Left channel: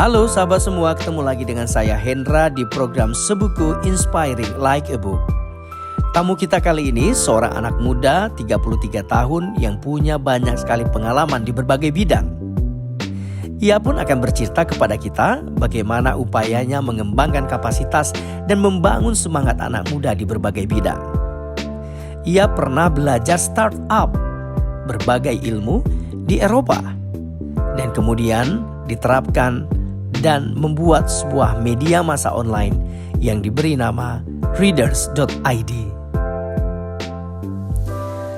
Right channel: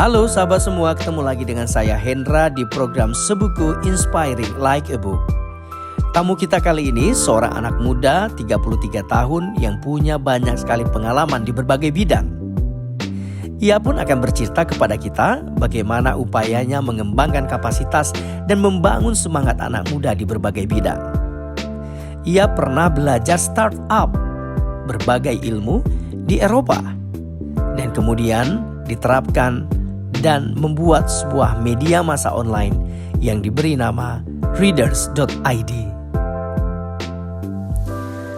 Halo sahabat semua, ketemu lagi dengan saya Hendra di program Sebuku Inspiring Like a Book. Tamu kita kali ini seorang anak muda 33 tahun yang punya banyak sekali pengalaman di berbagai bidang. Ia pun akan bercerita kepada kita bagaimana upayanya mengembangkan kapasitas dan membangun semangat anak muda di berbagai bidang. Ia pernah belajar startup, berbagai ilmu di Eropa, dan kemudian diterapkan dan membuat sebuah media massa online yang diberi nama Readers.id.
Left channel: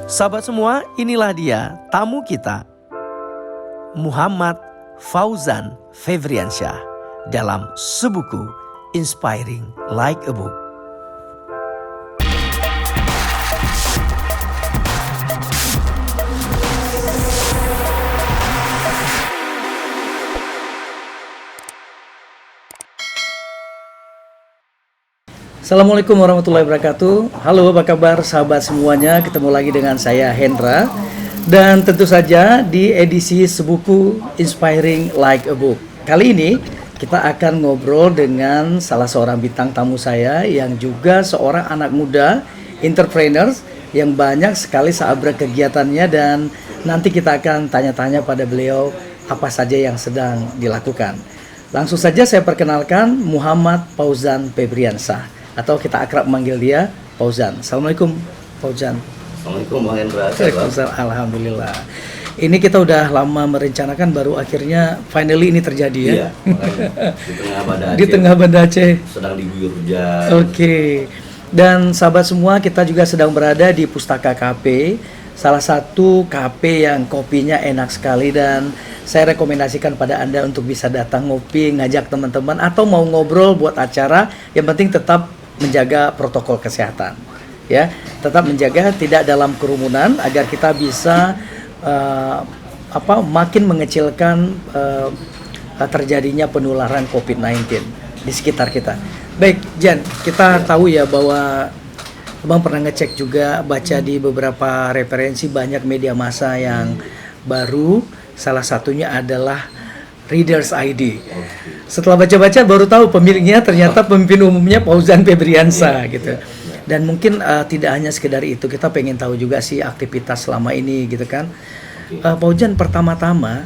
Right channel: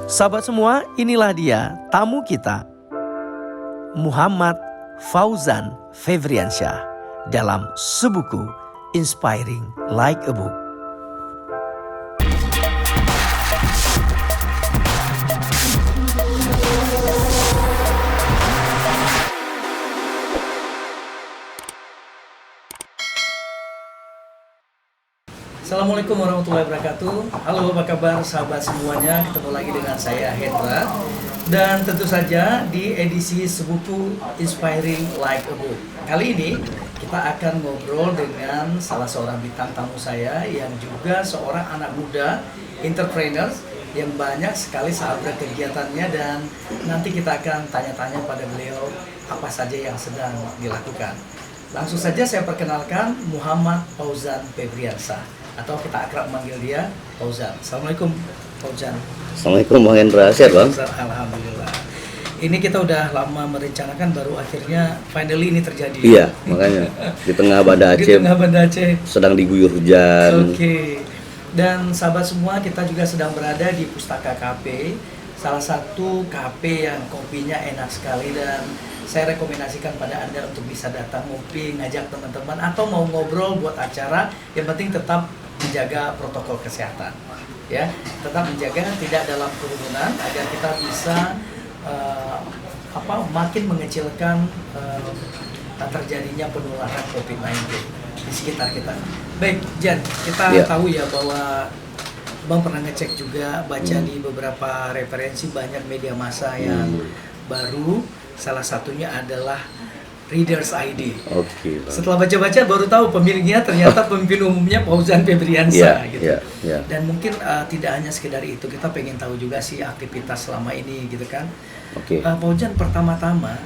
Sahabat semua, inilah dia tamu kita, Muhammad Fauzan Febriansyah dalam Sebuku Inspiring Like a Book. Assalamualaikum warahmatullahi wabarakatuh. Halo, apa kabar sahabat semuanya? Ketemu lagi dengan saya Hendra. Dan tentu saja di edisi Sebuku Inspiring Like a Book. Kali ini kita akan ngobrol dengan salah seorang bintang tamu saya yang juga seorang anak muda, entrepreneur yang banyak sekali sahabat kegiatannya, dan nanti kita akan tanya-tanya pada beliau apa saja yang sedang dilakukan. Langsung saja saya perkenalkan Muhammad Fauzan Febriansyah, atau kita akrab manggil dia Fauzan. Assalamualaikum Fauzan. Assalamualaikum Bang Hendra, sehat Bang? Alhamdulillah. Ini kita udah lama merencanakan, baru akhirnya finally ini terjadi. Iya, makanya di tengah Banda Aceh. Di tengah Banda Aceh. Sedang diguyur hujan. Oke. Dan sahabat semua, kita juga sedang berada di Pustaka Cafe, salah satu cafe yang kopinya enak sekali, dan saya rekomendasikan pada Anda untuk bisa datang ngopi, ngajak teman-teman, atau mau ngobrol buat acara. Yang penting tetap menjaga protokol kesehatan, ya, tetap menjaga tidak dalam kerumunan agar kita bisa makin mengecilkan terjadinya penularan COVID-19 di sekitar kita. Baik, Jan, kita tahu ya bahwa Abang pernah ngecek juga, baca di beberapa referensi banyak media massa yang baru, salah satunya adalah Readers.id. Oke. Setelah baca-baca baru tahu pemiliknya ternyata pemimpin umumnya Fauzan Febriansyah gitu. Dan mungkin tidak hanya sekedar itu, kita pengen tahu juga sih aktivitas selama ini gitu kan. Fauzan, pertama-tama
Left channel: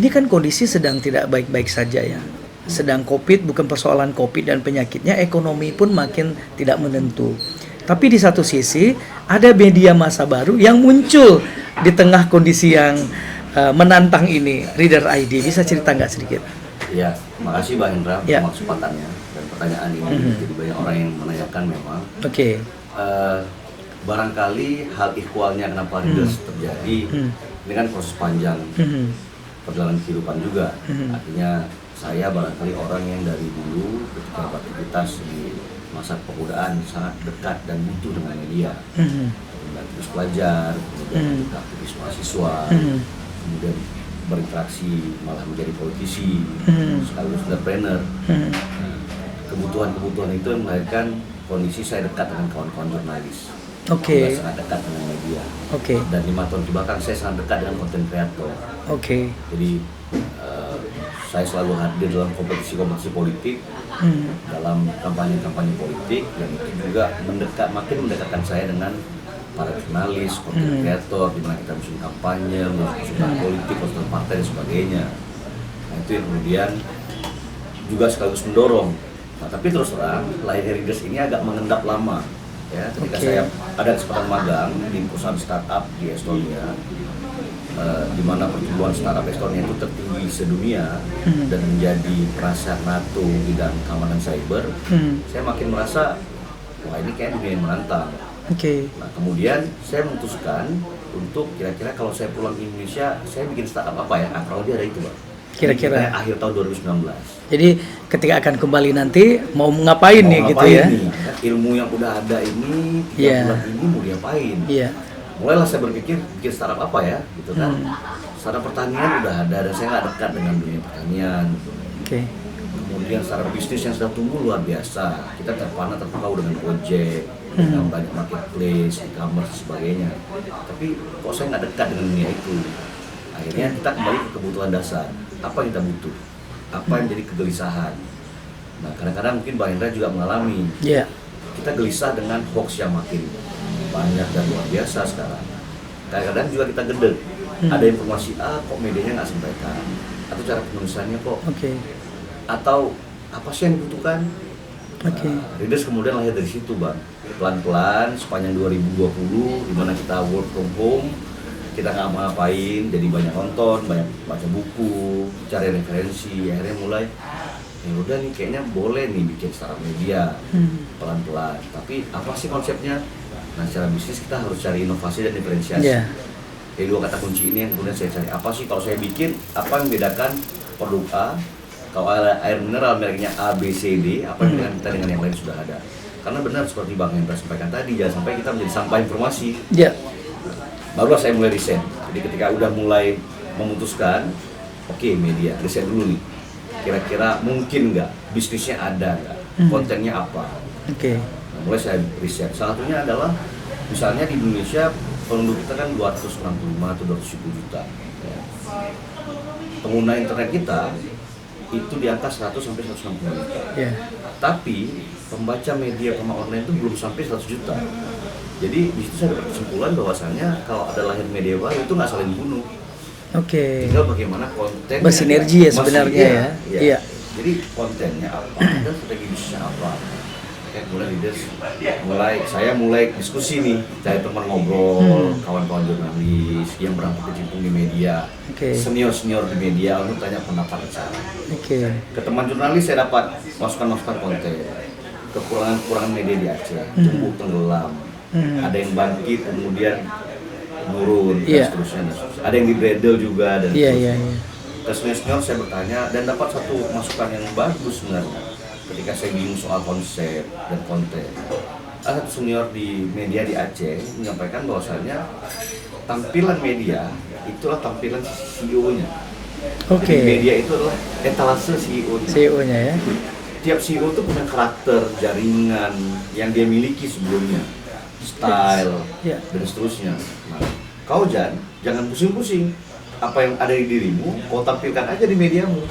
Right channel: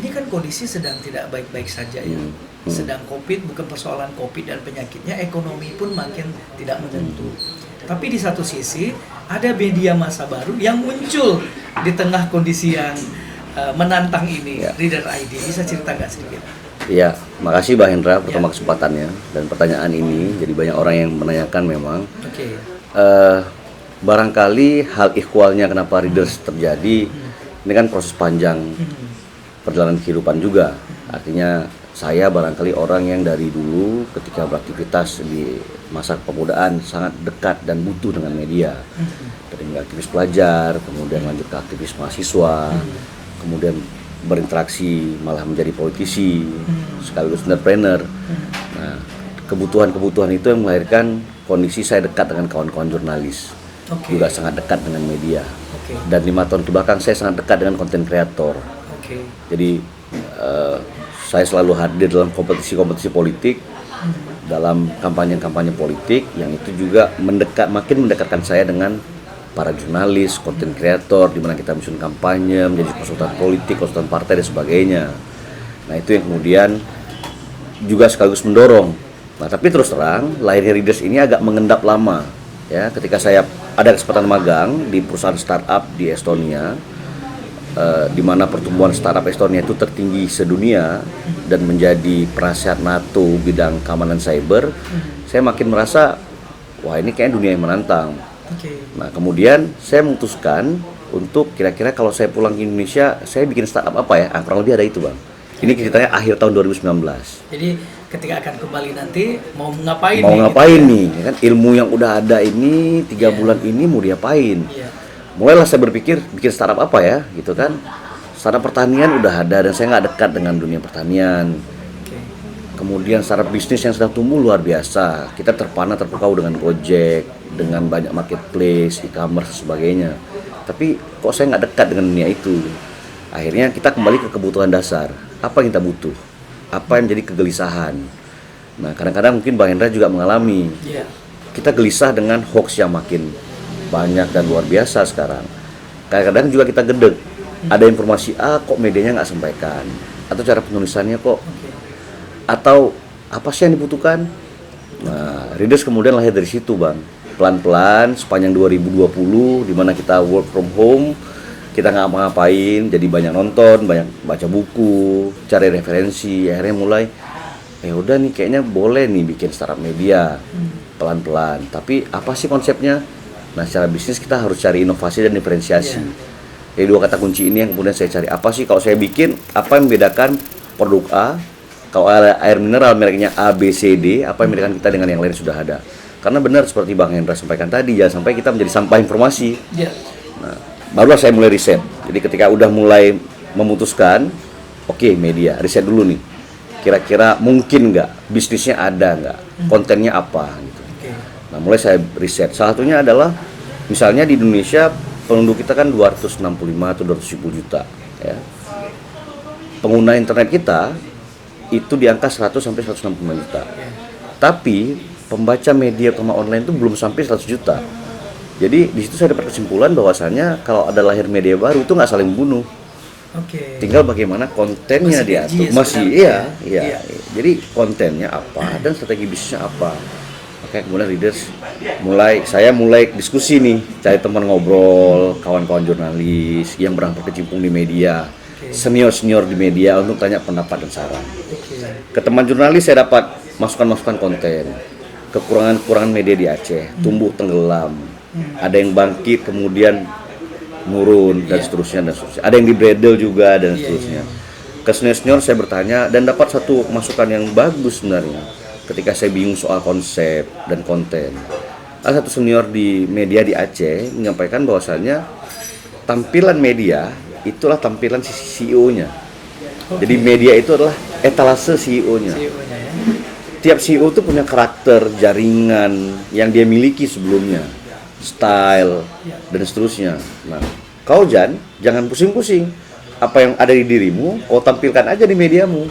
ini kan kondisi sedang tidak baik-baik saja ya. Sedang COVID, bukan persoalan COVID dan penyakitnya, ekonomi pun makin tidak menentu. Tapi di satu sisi ada media massa baru yang muncul di tengah kondisi yang menantang ini, Reader.id. Bisa cerita nggak sedikit? Iya, makasih Bang Hendra pertama kesempatannya dan pertanyaan ini. Jadi banyak orang yang menanyakan memang. Barangkali hal ihwalnya kenapa Readers terjadi, ini kan proses panjang perjalanan kehidupan juga. Artinya saya barangkali orang yang dari dulu ketika beraktivitas di masa kepemudaan sangat dekat dan butuh dengan media. Dari aktivis pelajar, kemudian lanjut ke aktivis mahasiswa, kemudian berinteraksi malah menjadi politisi, sekaligus entrepreneur. Nah, kebutuhan-kebutuhan itu yang melahirkan kondisi saya dekat dengan kawan-kawan jurnalis. Juga sangat dekat dengan media. Dan 5 tahun kebelakang saya sangat dekat dengan konten kreator. Jadi saya selalu hadir dalam kompetisi-kompetisi politik, dalam kampanye-kampanye politik, yang itu juga makin mendekatkan saya dengan para jurnalis, konten kreator, di mana kita menyusun kampanye, menjadi konsultan politik, konsultan partai dan sebagainya. Nah, itu yang kemudian juga sekaligus mendorong. Nah, tapi terus terang lahirnya Readers ini agak mengendap lama. Ya, ketika saya ada kesempatan magang di perusahaan startup di Estonia, di mana pertumbuhan startup Estonia itu tertinggi sedunia dan menjadi penasihat NATO bidang keamanan cyber, saya makin merasa, wah ini kayaknya dunia yang menantang. Nah, kemudian saya memutuskan untuk kira-kira kalau saya pulang ke Indonesia, saya bikin startup apa ya? Kurang lebih ada itu, Bang. Kira-kira akhir tahun 2019. Jadi ketika akan kembali nanti mau ngapain nih? Kan ilmu yang udah ada ini 3 bulan ini mau diapain? Mulailah saya berpikir bikin startup apa ya, gitu kan. Startup pertanian udah ada dan saya nggak dekat dengan dunia pertanian. Kemudian startup bisnis yang sedang tumbuh luar biasa. Kita terpukau dengan Gojek, dengan banyak marketplace, e-commerce dan sebagainya. Tapi kok saya nggak dekat dengan dunia itu. Akhirnya kita kembali ke kebutuhan dasar. Apa yang kita butuh? apa yang menjadi kegelisahan. Nah, kadang-kadang mungkin Bang Hendra juga mengalami. Iya. Kita gelisah dengan hoax yang makin banyak dan luar biasa sekarang. Kadang-kadang juga kita gedeg. Ada informasi A kok medianya nggak sampaikan, atau cara penulisannya kok, atau apa sih yang dibutuhkan. Nah, Readers kemudian lahir dari situ, Bang. Pelan-pelan sepanjang 2020 di mana kita work from home, kita nggak ngapa-ngapain, jadi banyak nonton, banyak baca buku, cari referensi, akhirnya mulai udah nih kayaknya boleh nih bikin startup media pelan-pelan. Tapi apa sih konsepnya? Nah, secara bisnis kita harus cari inovasi dan diferensiasi. Jadi dua kata kunci ini yang kemudian saya cari. Apa sih kalau saya bikin, apa yang membedakan produk A? Kalau air mineral mereknya A, B, C, D, apa yang membedakan kita dengan yang lain sudah ada? Karena benar seperti Bang Hendra sampaikan tadi, jangan sampai kita menjadi sampah informasi. Nah, barulah saya mulai riset. Jadi ketika udah mulai memutuskan, oke, media, riset dulu nih. Kira-kira mungkin nggak, bisnisnya ada nggak, kontennya apa gitu. Nah, mulai saya riset. Salah satunya adalah misalnya di Indonesia penduduk kita kan 265 atau 270 juta ya. Pengguna internet kita itu di angka 100 sampai 165 juta. Tapi pembaca media terutama online itu belum sampai 100 juta. Jadi di situ saya dapat kesimpulan bahwasannya kalau ada lahir media baru itu nggak saling bunuh. Tinggal bagaimana kontennya, bersinergi ya sebenarnya. Iya. Jadi kontennya apa dan strategi bisnisnya apa. Kayak kemudian Readers saya mulai diskusi nih, cari teman ngobrol, kawan-kawan jurnalis yang berangkat kecimpung di media, senior di media untuk tanya pendapat dan saran. Ke teman jurnalis saya dapat masukan-masukan konten, kekurangan media di Aceh, tumbuh tenggelam, ada yang bangkit kemudian nurun dan seterusnya. Ada yang di bredel juga dan seterusnya. Ke senior saya bertanya dan dapat satu masukan yang bagus sebenarnya. Ketika saya bingung soal konsep dan konten, ada satu senior di media di Aceh menyampaikan bahwasannya tampilan media itulah tampilan CEO-nya. Jadi media itu adalah etalase CEO-nya. Ya. Tiap CEO itu punya karakter, jaringan yang dia miliki sebelumnya, style dan seterusnya. Nah, kau jangan pusing-pusing. Apa yang ada di dirimu, kau tampilkan aja di mediamu.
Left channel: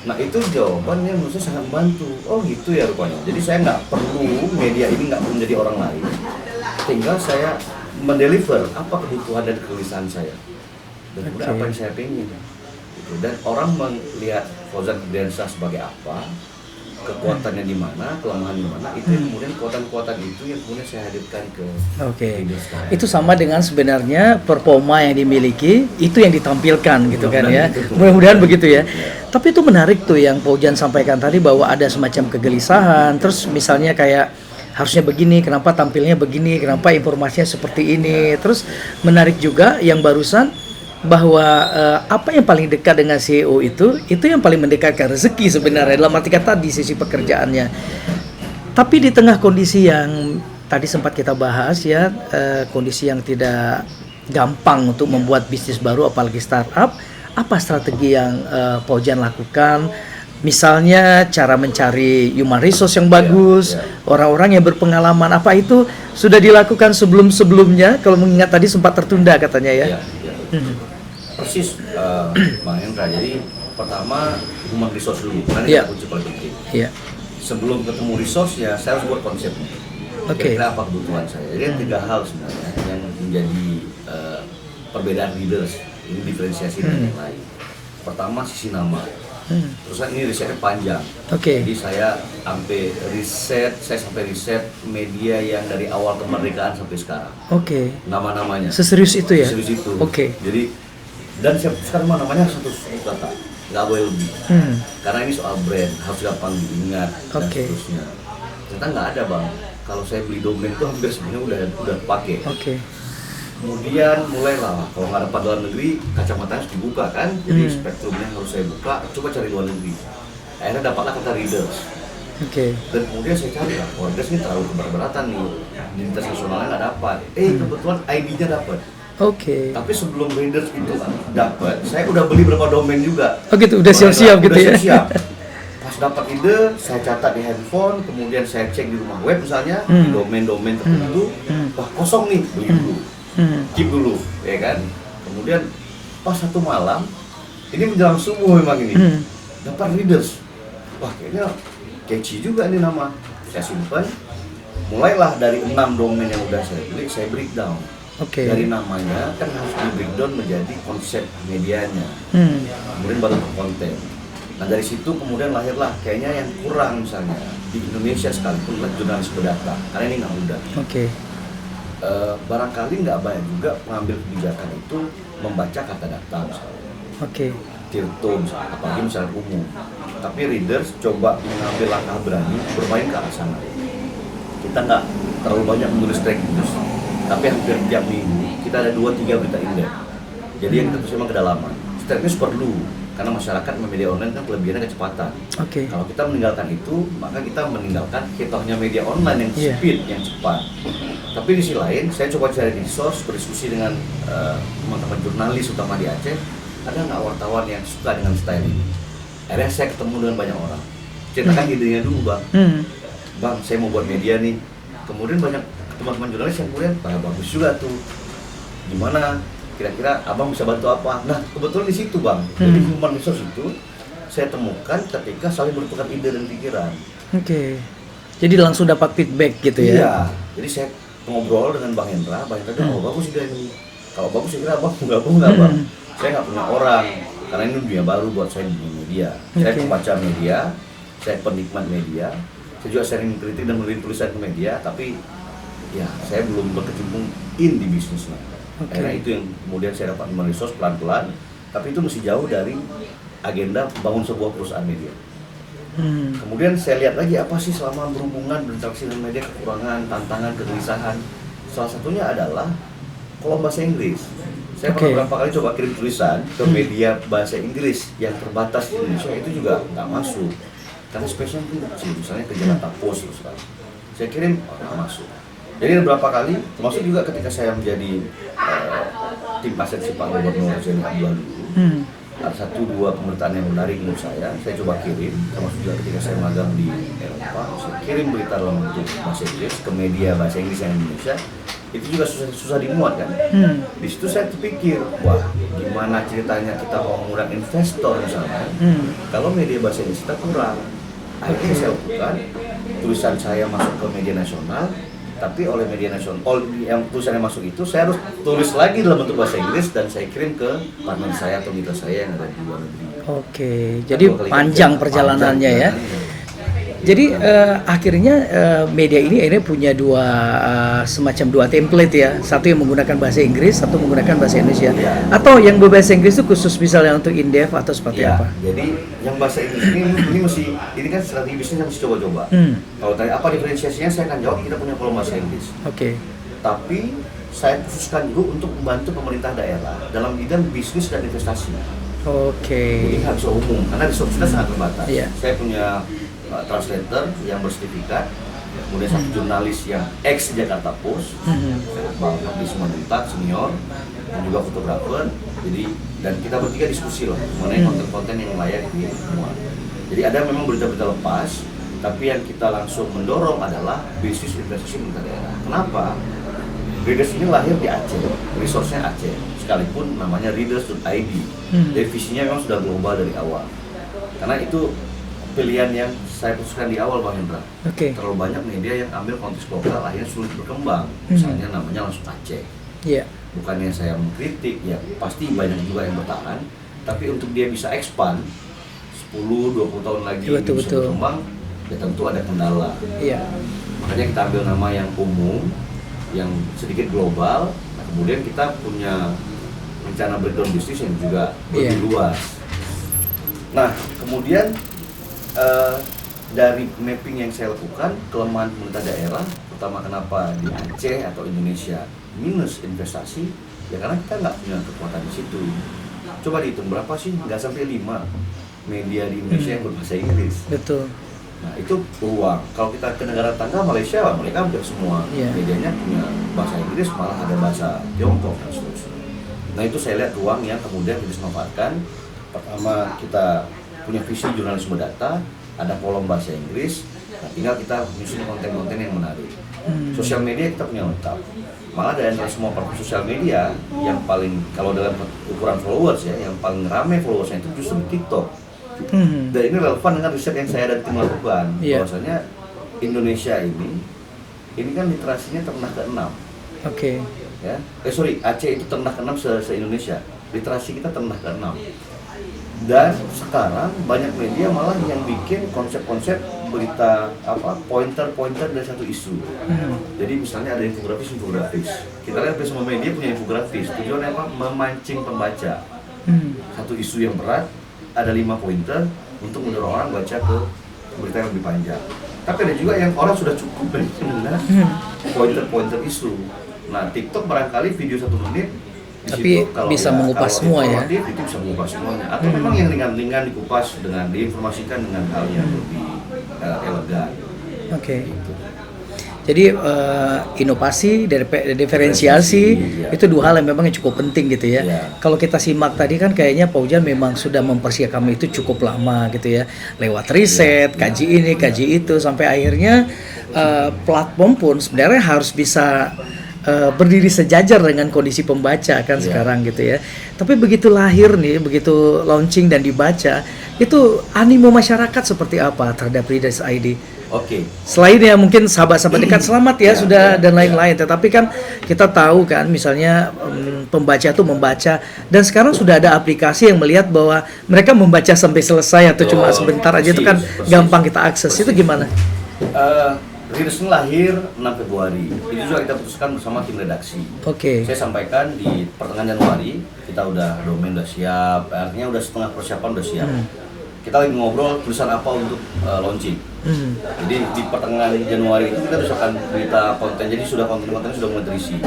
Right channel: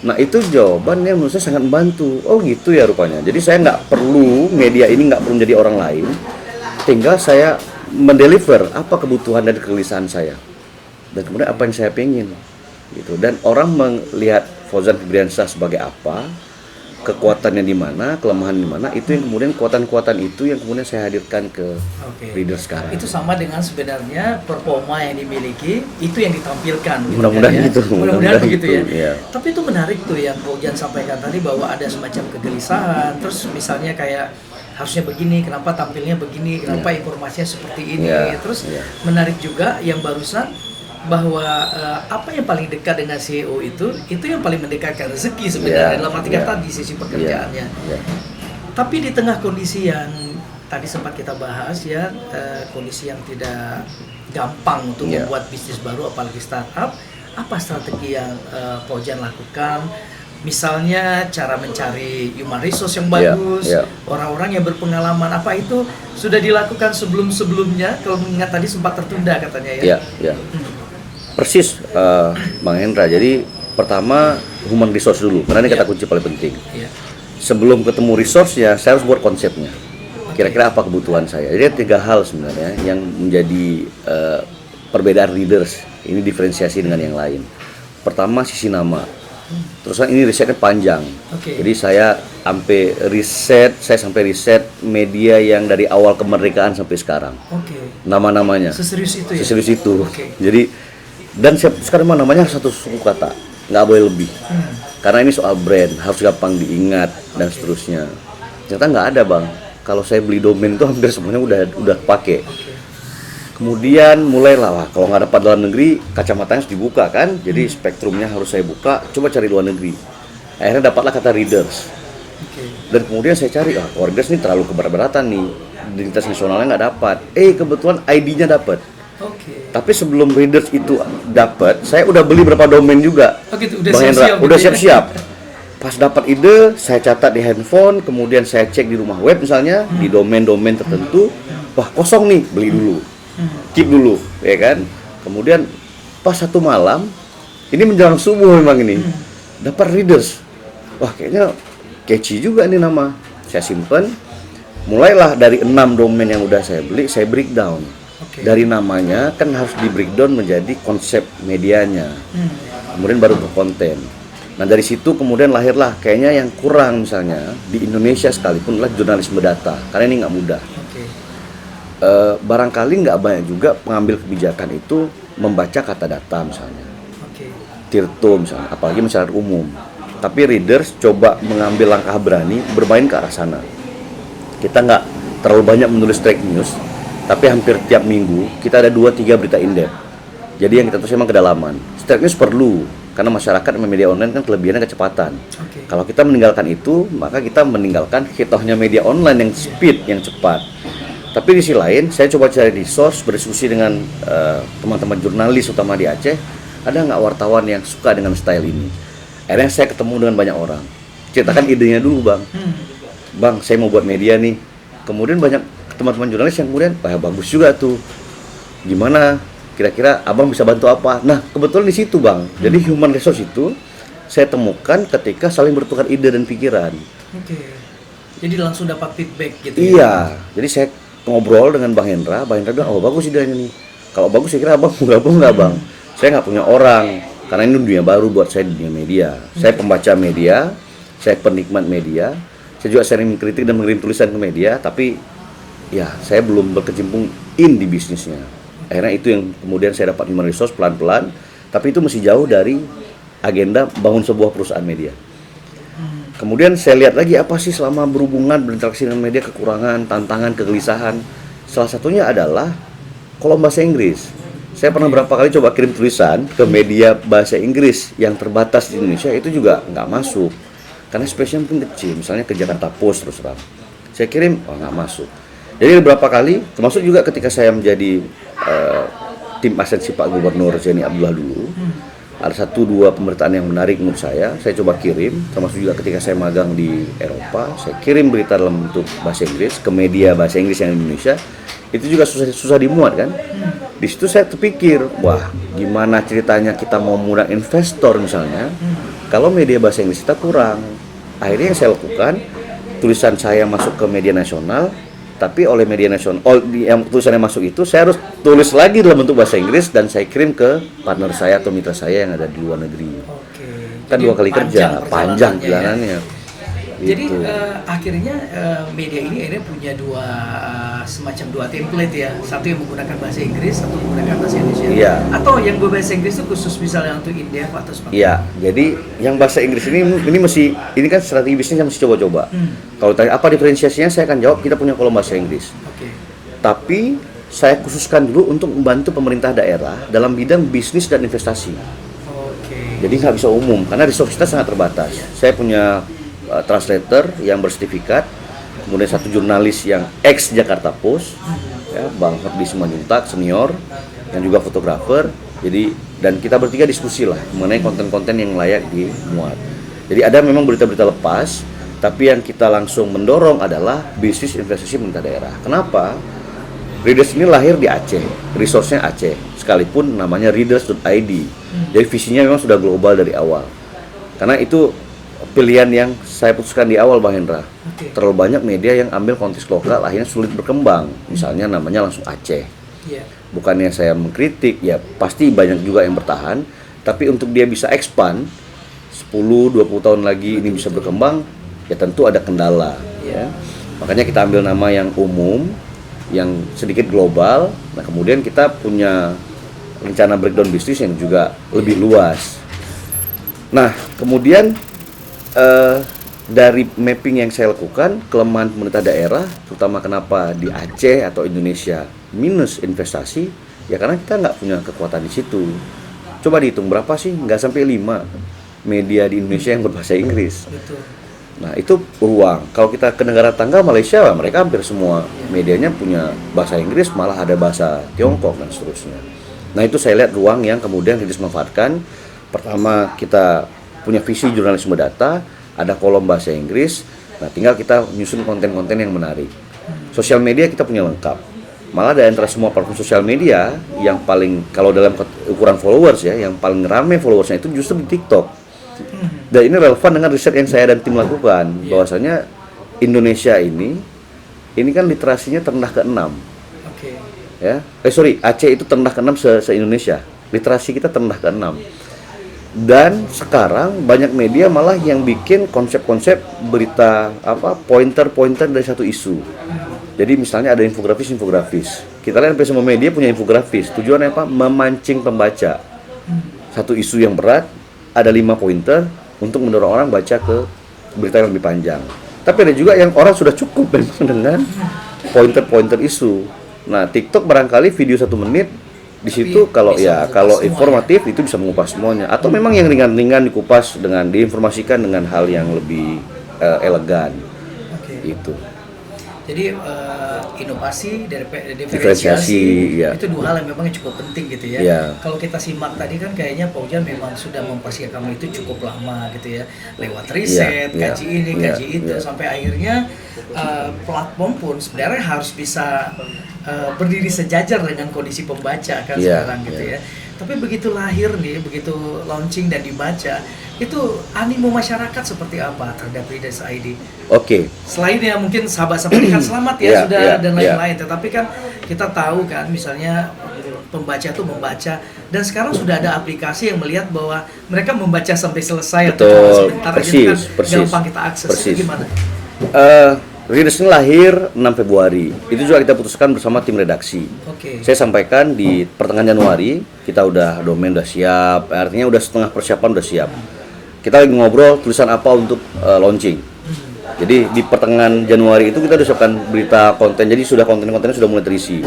Nah, itu jawabannya menurut saya sangat membantu. Oh gitu ya rupanya. Jadi saya nggak perlu, media ini nggak perlu menjadi orang lain. Tinggal saya mendeliver apa kebutuhan dan kegelisahan saya. Dan kemudian apa yang saya pengen. Gitu. Dan orang melihat Fauzan Febriansyah sebagai apa, kekuatannya di mana, kelemahan di mana, itu yang kemudian kekuatan-kekuatan itu yang kemudian saya hadirkan ke Readers sekarang. Itu sama dengan sebenarnya performa yang dimiliki, itu yang ditampilkan gitu kan ya. Mudah-mudahan begitu ya. Tapi itu menarik tuh yang Fauzan sampaikan tadi bahwa ada semacam kegelisahan, terus misalnya kayak harusnya begini, kenapa tampilnya begini, kenapa informasinya seperti ini. Terus menarik juga yang barusan bahwa apa yang paling dekat dengan CEO itu yang paling mendekatkan rezeki sebenarnya dalam arti kata di sisi pekerjaannya. Tapi di tengah kondisi yang tadi sempat kita bahas ya, kondisi yang tidak gampang untuk membuat bisnis baru apalagi startup, apa strategi yang Fauzan lakukan? Misalnya cara mencari human resource yang bagus, orang-orang yang berpengalaman, apa itu sudah dilakukan sebelum-sebelumnya? Kalau mengingat tadi sempat tertunda katanya ya. Persis, Bang Hendra. Jadi pertama human resource dulu, karena ini kata kunci paling penting. Sebelum ketemu resource ya, saya harus buat konsepnya. Kira-kira apa kebutuhan saya. Jadi ada 3 hal sebenarnya yang menjadi perbedaan Readers. Ini diferensiasi dengan yang lain. Pertama sisi nama. Terus ini risetnya panjang. Jadi saya sampai riset media yang dari awal kemerdekaan sampai sekarang. Nama-namanya. Seserius itu ya? Seserius itu. Jadi dan sekarang namanya satu suku kata, nggak boleh lebih. Karena ini soal brand, harus gampang diingat dan seterusnya. Ternyata nggak ada, Bang. Kalau saya beli domain itu hampir semuanya udah pakai. Kemudian mulailah, kalau nggak dapat dalam negeri, kacamatanya harus dibuka kan. Jadi spektrumnya harus saya buka, coba cari luar negeri. Akhirnya dapatlah kata Readers. Dan kemudian saya cari, Readers ini terlalu keberat-beratan nih, identitas nasionalnya nggak dapat. Kebetulan ID-nya dapat. Tapi sebelum Readers itu dapat, saya udah beli berapa domain juga. Udah siap-siap gitu. Udah siap-siap. Pas dapat ide, saya catat di handphone, kemudian saya cek di rumah web misalnya, di domain-domain tertentu, wah kosong nih, beli dulu. Keep dulu, ya kan? Kemudian pas satu malam, ini menjelang subuh memang ini. dapat readers. Wah, kayaknya catchy juga nih nama. Saya simpen. Mulailah dari 6 domain yang udah saya beli, saya breakdown. Dari namanya kan harus di breakdown menjadi konsep medianya. Kemudian baru ke konten. Nah, dari situ kemudian lahirlah kayaknya yang kurang misalnya di Indonesia sekalipun adalah jurnalisme data. Karena ini nggak mudah. Barangkali nggak banyak juga pengambil kebijakan itu membaca kata data misalnya. Tirto misalnya, apalagi masyarakat umum. Tapi readers coba mengambil langkah berani bermain ke arah sana. Kita nggak terlalu banyak menulis track news, tapi hampir tiap minggu kita ada 2-3 berita in-depth. Jadi yang kita tulis memang kedalaman. Track news perlu, karena masyarakat media online kan kelebihannya kecepatan. Kalau kita meninggalkan itu, maka kita meninggalkan hitohnya media online yang speed, yang cepat. Tapi di sisi lain, saya coba cari resource, berdiskusi dengan teman-teman jurnalis utama di Aceh. Ada nggak wartawan yang suka dengan style ini? Akhirnya saya ketemu dengan banyak orang. Ceritakan idenya dulu, Bang. Bang, saya mau buat media nih. Kemudian banyak teman-teman jurnalis yang kemudian, bagus juga tuh. Gimana? Kira-kira abang bisa bantu apa? Nah, kebetulan di situ, Bang. Jadi human resource itu saya temukan ketika saling bertukar ide dan pikiran. Jadi langsung dapat feedback gitu ya? Iya. Jadi saya ngobrol dengan Bang Hendra. Bang Hendra bilang, bagus ide ini. Kalau bagus, saya kira abang mau gabung nggak, Bang? Saya nggak punya orang. Karena ini dunia baru buat saya di dunia media. Saya pembaca media, saya penikmat media. Saya juga sering mengkritik dan mengirim tulisan ke media, tapi ya saya belum berkecimpung di bisnisnya. Akhirnya itu yang kemudian saya dapat human resource pelan-pelan, tapi itu masih jauh dari agenda bangun sebuah perusahaan media. Kemudian saya lihat lagi apa sih selama berhubungan berinteraksi dengan media, kekurangan, tantangan, kegelisahan. Salah satunya adalah kolom bahasa Inggris. Saya pernah berapa kali coba kirim tulisan ke media bahasa Inggris yang terbatas di Indonesia, itu juga nggak masuk. Karena space-nya pun kecil, misalnya ke Jakarta Post terus terang. Saya kirim, nggak masuk. Jadi beberapa kali, termasuk juga ketika saya menjadi tim asensi Pak Gubernur Zaini Abdullah dulu, ada 1-2 pemberitaan yang menarik menurut saya coba kirim, termasuk juga ketika saya magang di Eropa, saya kirim berita dalam bentuk bahasa Inggris ke media bahasa Inggris yang di Indonesia, itu juga susah dimuat kan. Di situ saya terpikir, wah gimana ceritanya kita mau mengundang investor misalnya, kalau media bahasa Inggris kita kurang. Akhirnya yang saya lakukan, tulisan saya masuk ke media nasional, tapi oleh media nasional, yang tulisannya masuk itu saya harus tulis lagi dalam bentuk bahasa Inggris dan saya kirim ke partner saya atau mitra saya yang ada di luar negeri. Jadi panjang perjalanannya ya. Jadi akhirnya media ini akhirnya punya semacam dua template ya. Satu yang menggunakan bahasa Inggris, satu menggunakan bahasa Indonesia. Atau yang berbahasa Inggris itu khusus misalnya untuk in-depth atau seperti apa? Jadi yang bahasa Inggris ini kan strategi bisnis yang mesti coba-coba. Kalau tanya apa diferensiasinya, saya akan jawab kita punya kolom bahasa Inggris. Tapi saya khususkan dulu untuk membantu pemerintah daerah dalam bidang bisnis dan investasi. Jadi nggak bisa umum karena resource kita sangat terbatas. Saya punya translator yang bersertifikat, kemudian 1 jurnalis yang ex Jakarta Post, Bang Fakdi Simanjuntak senior, dan juga fotografer. Jadi dan kita bertiga diskusi lah mengenai konten-konten yang layak dimuat. Jadi ada memang berita-berita lepas, tapi yang kita langsung mendorong adalah bisnis investasi pemerintah daerah. Kenapa? Readers ini lahir di Aceh, resource-nya Aceh, sekalipun namanya readers.id. Jadi visinya memang sudah global dari awal. Karena itu pilihan yang saya putuskan di awal, Bang Hendra. Terlalu banyak media yang ambil konteks lokal, akhirnya sulit berkembang. Misalnya namanya langsung Aceh. Bukannya saya mengkritik, ya pasti banyak juga yang bertahan. Tapi untuk dia bisa expand 10-20 tahun lagi ini bisa berkembang, ya tentu ada kendala. Makanya kita ambil nama yang umum, yang sedikit global. Nah kemudian kita punya rencana breakdown bisnis yang juga lebih luas. Nah kemudian dari mapping yang saya lakukan, kelemahan pemerintah daerah, terutama kenapa di Aceh atau Indonesia minus investasi, ya karena kita nggak punya kekuatan di situ. Coba dihitung berapa sih? Nggak sampai 5 media di Indonesia yang berbahasa Inggris. Nah itu peluang. Kalau kita ke negara tangga Malaysia, mereka hampir semua medianya punya bahasa Inggris, malah ada bahasa Tiongkok dan seterusnya. Nah itu saya lihat ruang yang kemudian dimanfaatkan. Pertama kita punya visi jurnalisme data, ada kolom bahasa Inggris. Nah, tinggal kita nyusun konten-konten yang menarik. Sosial media kita punya lengkap. Malah dari antara semua platform sosial media yang paling, kalau dalam ukuran followers ya, yang paling ramai followersnya itu justru di TikTok. Dan ini relevan dengan riset yang saya dan tim lakukan, bahwasanya Indonesia ini kan literasinya terendah ke-6. Oke. Ya. Aceh itu terendah ke-6 se-Indonesia. Literasi kita terendah ke-6. Dan sekarang banyak media malah yang bikin konsep-konsep berita pointer-pointer dari satu isu. Jadi misalnya ada infografis. Kita lihat semua media punya infografis. Tujuannya apa? Memancing pembaca. Satu isu yang berat, ada 5 pointer untuk mendorong orang baca ke berita yang lebih panjang. Tapi ada juga yang orang sudah cukup dengan pointer-pointer isu. Nah, TikTok barangkali video 1 menit di situ kalau informatif itu bisa mengupas semuanya, atau memang yang ringan-ringan dikupas diinformasikan dengan hal yang lebih elegan. Gitu. Jadi inovasi dari diferensiasi itu 2 hal yang memang cukup penting gitu ya. Kalau kita simak tadi kan kayaknya Pak Ujan memang sudah mempersiapkan itu cukup lama gitu ya, lewat riset, kaji ini, kaji itu, sampai akhirnya platform pun sebenarnya harus bisa berdiri sejajar dengan kondisi pembaca kan sekarang gitu ya. Tapi begitu lahir nih, begitu launching dan dibaca, itu animo masyarakat seperti apa terhadap Readers ID? Selain ya mungkin sahabat-sahabat dekat selamat ya dan lain-lain. Tetapi kan kita tahu kan misalnya pembaca itu membaca, dan sekarang sudah ada aplikasi yang melihat bahwa mereka membaca sampai selesai atau cuma sebentar aja, itu kan gampang kita akses. Itu gimana? Readers ini lahir 6 Februari. Itu juga kita putuskan bersama tim redaksi. Saya sampaikan di pertengahan Januari, kita domain udah siap, artinya udah setengah persiapan udah siap. Kita lagi ngobrol tulisan apa untuk launching. Jadi di pertengahan Januari itu kita udah siapkan berita konten, jadi konten-kontennya sudah mulai terisi.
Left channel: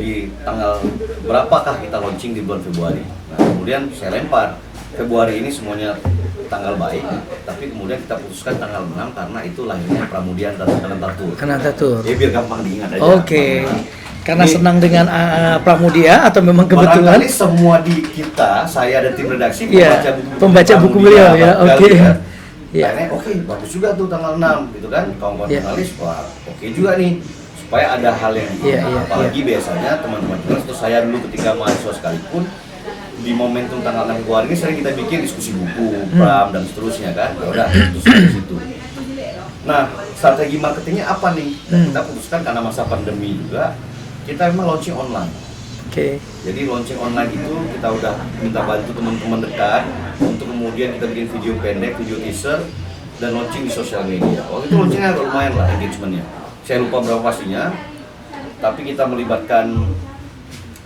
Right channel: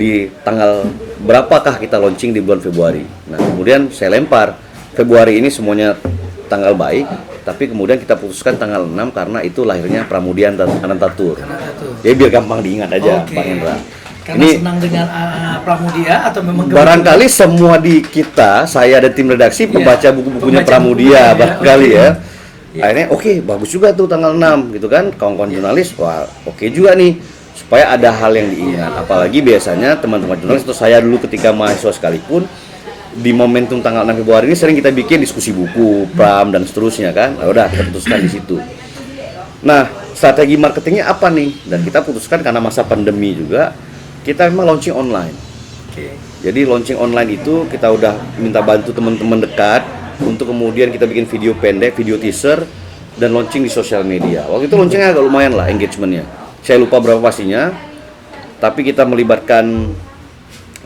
Di tanggal berapakah kita launching di bulan Februari. Nah, kemudian saya lempar Februari ini semuanya tanggal baik, tapi kemudian kita putuskan tanggal 6 karena itu lahirnya Pramudia Anantatur. Jadi biar gampang diingat aja. Karena senang dengan Pramudia atau memang kebetulan? Barangkali semua di kita, saya dan tim redaksi pembaca buku-bukunya Pramudia barangkali ya. Akhirnya bagus juga tuh tanggal 6 gitu kan. Kawan-kawan jurnalis, oke juga nih, supaya ada hal yang diingat. Apalagi biasanya teman-teman jurnalis atau saya dulu ketika mahasiswa sekalipun, di momentum tanggal 6 Februari ini sering kita bikin diskusi buku, pram dan seterusnya kan. Ya udah, kita putuskan di situ. Nah, strategi marketingnya apa nih? Dan kita putuskan karena masa pandemi juga, kita memang launching online. Jadi launching online itu kita udah minta bantu teman-teman dekat untuk kemudian kita bikin video pendek, video teaser, dan launching di sosial media. Waktu itu launchingnya agak lumayan lah engagementnya. Saya lupa berapa pastinya, tapi kita melibatkan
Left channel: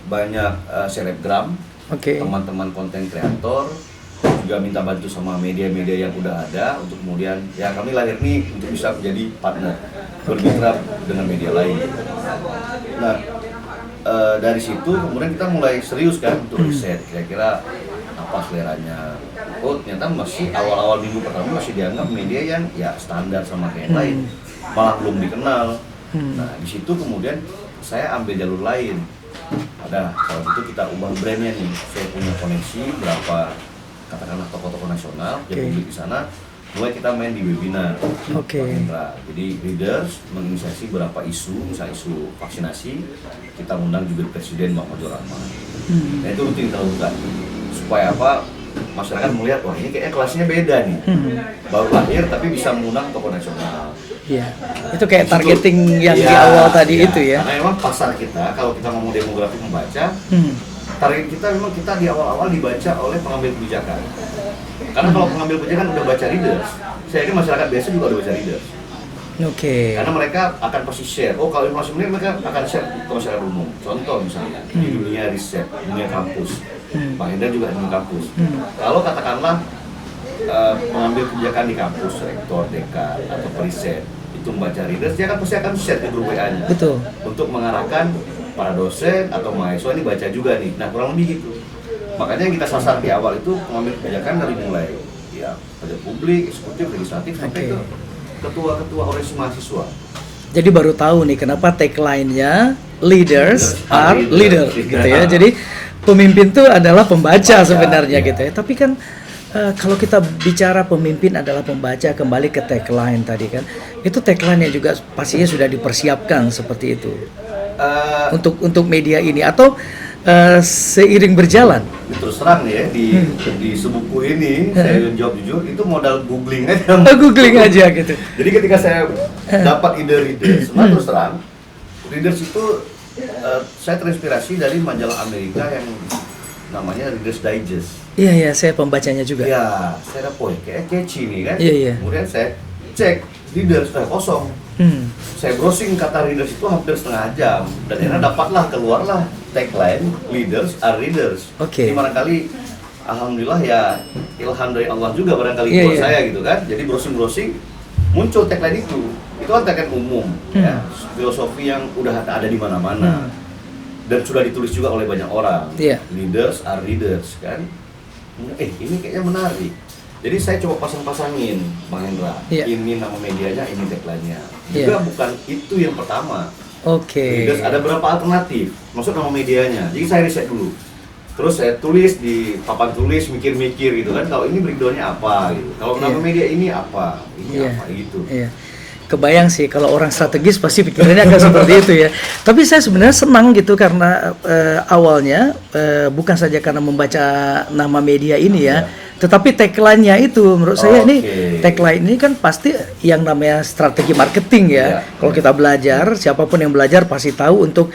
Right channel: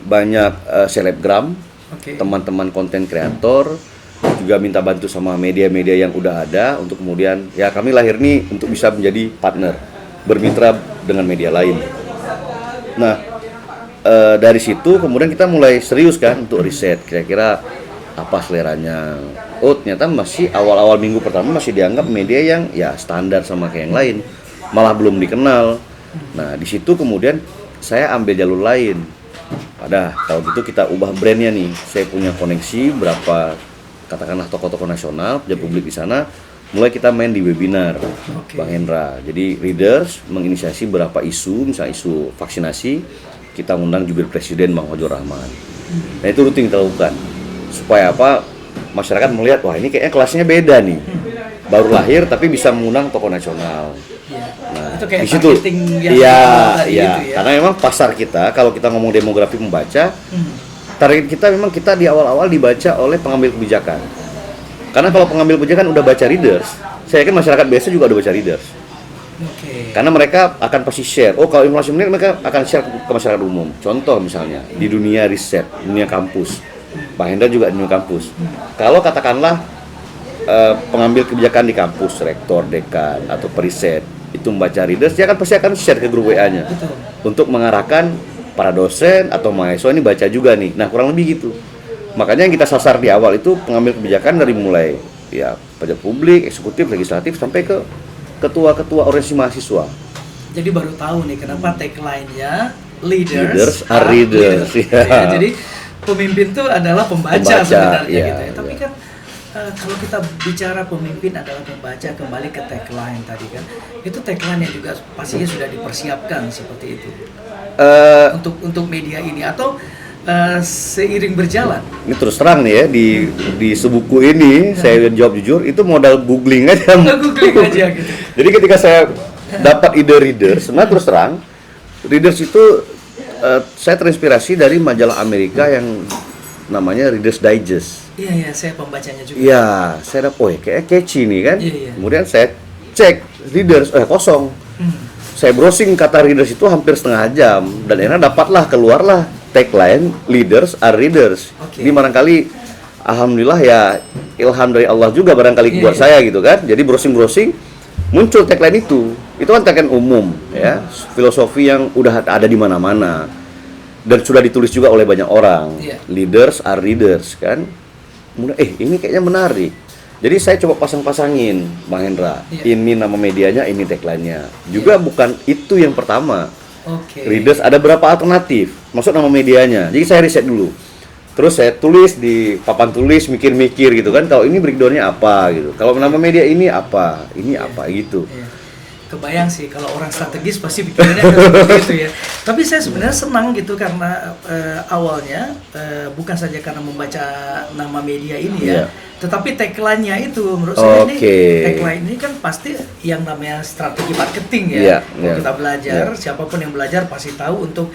banyak selebgram, teman-teman konten kreator, juga minta bantu sama media-media yang udah ada untuk kemudian ya kami lahir nih untuk bisa menjadi partner, bermitra dengan media lain. Nah, dari situ kemudian kita mulai serius kan untuk riset kira-kira apa seleranya. Ternyata masih awal-awal minggu pertama masih dianggap media yang ya standar sama kayak yang lain, malah belum dikenal. Nah, di situ kemudian saya ambil jalur lain. Kalau gitu kita ubah brandnya nih. Saya punya koneksi berapa katakanlah tokoh-tokoh nasional, publik di sana. Mulai kita main di webinar, Bang Hendra. Jadi Readers menginisiasi beberapa isu, misalnya isu vaksinasi. Kita undang jubir presiden Bang Ojo Rahman. Nah, itu rutin kita lakukan. Supaya apa? Masyarakat melihat, wah ini kayaknya kelasnya beda nih. Baru lahir tapi bisa mengundang tokoh nasional. Nah, itu kayak targeting yang di awal tadi itu ya. Karena memang pasar kita, kalau kita ngomong demografi pembaca, target kita memang kita di awal-awal dibaca oleh pengambil kebijakan. Karena kalau pengambil kebijakan udah baca Readers, saya yakin masyarakat biasa juga udah baca Readers. Karena mereka akan pasti share. Kalau informasi menarik mereka akan share ke masyarakat umum. Contoh misalnya di dunia riset, dunia kampus, Pak Hendra juga di dunia kampus. Kalau katakanlah pengambil kebijakan di kampus, rektor, dekan atau periset itu membaca Readers, dia pasti akan share ke grup WA-nya. Untuk mengarahkan para dosen atau mahasiswa ini baca juga nih. Nah, kurang lebih gitu. Makanya yang kita sasar di awal itu pengambil kebijakan dari mulai ya pejabat publik, eksekutif, legislatif sampai ke ketua-ketua organisasi mahasiswa. Jadi baru tahu nih kenapa tagline-nya leaders are leaders gitu ya. Jadi pemimpin itu adalah pembaca sebenarnya gitu ya. Tapi kan kalau kita bicara pemimpin adalah pembaca, kembali ke tagline tadi kan. Itu tagline yang juga pastinya sudah dipersiapkan seperti itu. Untuk media ini, atau seiring berjalan. Ini terus terang nih ya di sebuku ini saya jawab jujur itu modal googling aja. Googling aja gitu. Jadi ketika saya dapat ide readers, terus terang readers itu saya terinspirasi dari majalah Amerika yang namanya Reader's Digest. Iya, saya pembacanya juga. Iya, saya dapat kayak catchy nih kan. Iya. Kemudian saya cek readers kosong. Saya browsing kata readers itu hampir setengah jam dan akhirnya keluarlah tagline leaders are readers. Ini barangkali alhamdulillah ya ilham dari Allah juga barangkali buat saya gitu kan. Jadi browsing muncul tagline itu. Itu kan tagline umum ya, filosofi yang udah ada di mana-mana. Dan sudah ditulis juga oleh banyak orang. Leaders are readers kan. Ini kayaknya menarik. Jadi saya coba pasang-pasangin, Bang Hendra. Ini nama medianya, ini tagline-nya. Juga bukan itu yang pertama. Readers ada berapa alternatif, maksud nama medianya. Jadi saya riset dulu. Terus saya tulis di papan tulis, mikir-mikir gitu kan. Kalau ini breakdown-nya apa gitu. Kalau nama media ini apa, apa gitu. Kebayang sih kalau orang strategis pasti pikirannya akan seperti itu ya. Tapi saya sebenarnya senang gitu karena awalnya bukan saja karena membaca nama media ini ya, tetapi tagline-nya itu menurut saya ini tagline ini kan pasti yang namanya strategi marketing ya. Kalau kita belajar, siapapun yang belajar pasti tahu untuk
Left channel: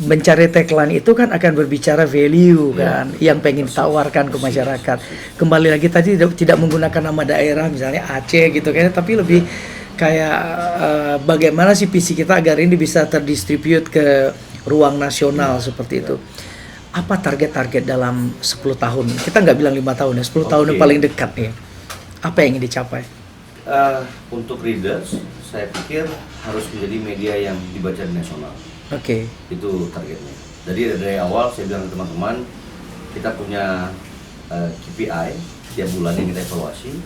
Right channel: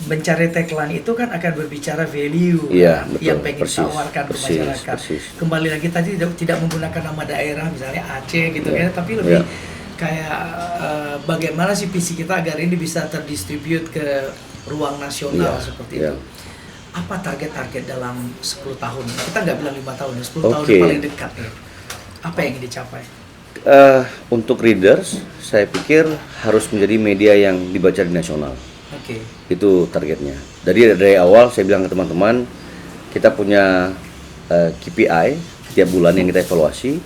mencari tagline itu kan akan berbicara value kan, yang pengen tawarkan ke masyarakat. Kembali lagi tadi tidak menggunakan nama daerah misalnya Aceh gitu kan, tapi lebih kayak bagaimana sih visi kita agar ini bisa terdistribute ke ruang nasional seperti itu. Apa target-target dalam 10 tahun? Kita nggak bilang 5 tahun ya, 10 tahun yang paling dekat ya. Apa yang ingin dicapai? Untuk readers, saya pikir harus menjadi media yang dibaca di nasional. Itu targetnya. Dari awal saya bilang ke teman-teman, kita punya KPI tiap bulan yang kita evaluasi,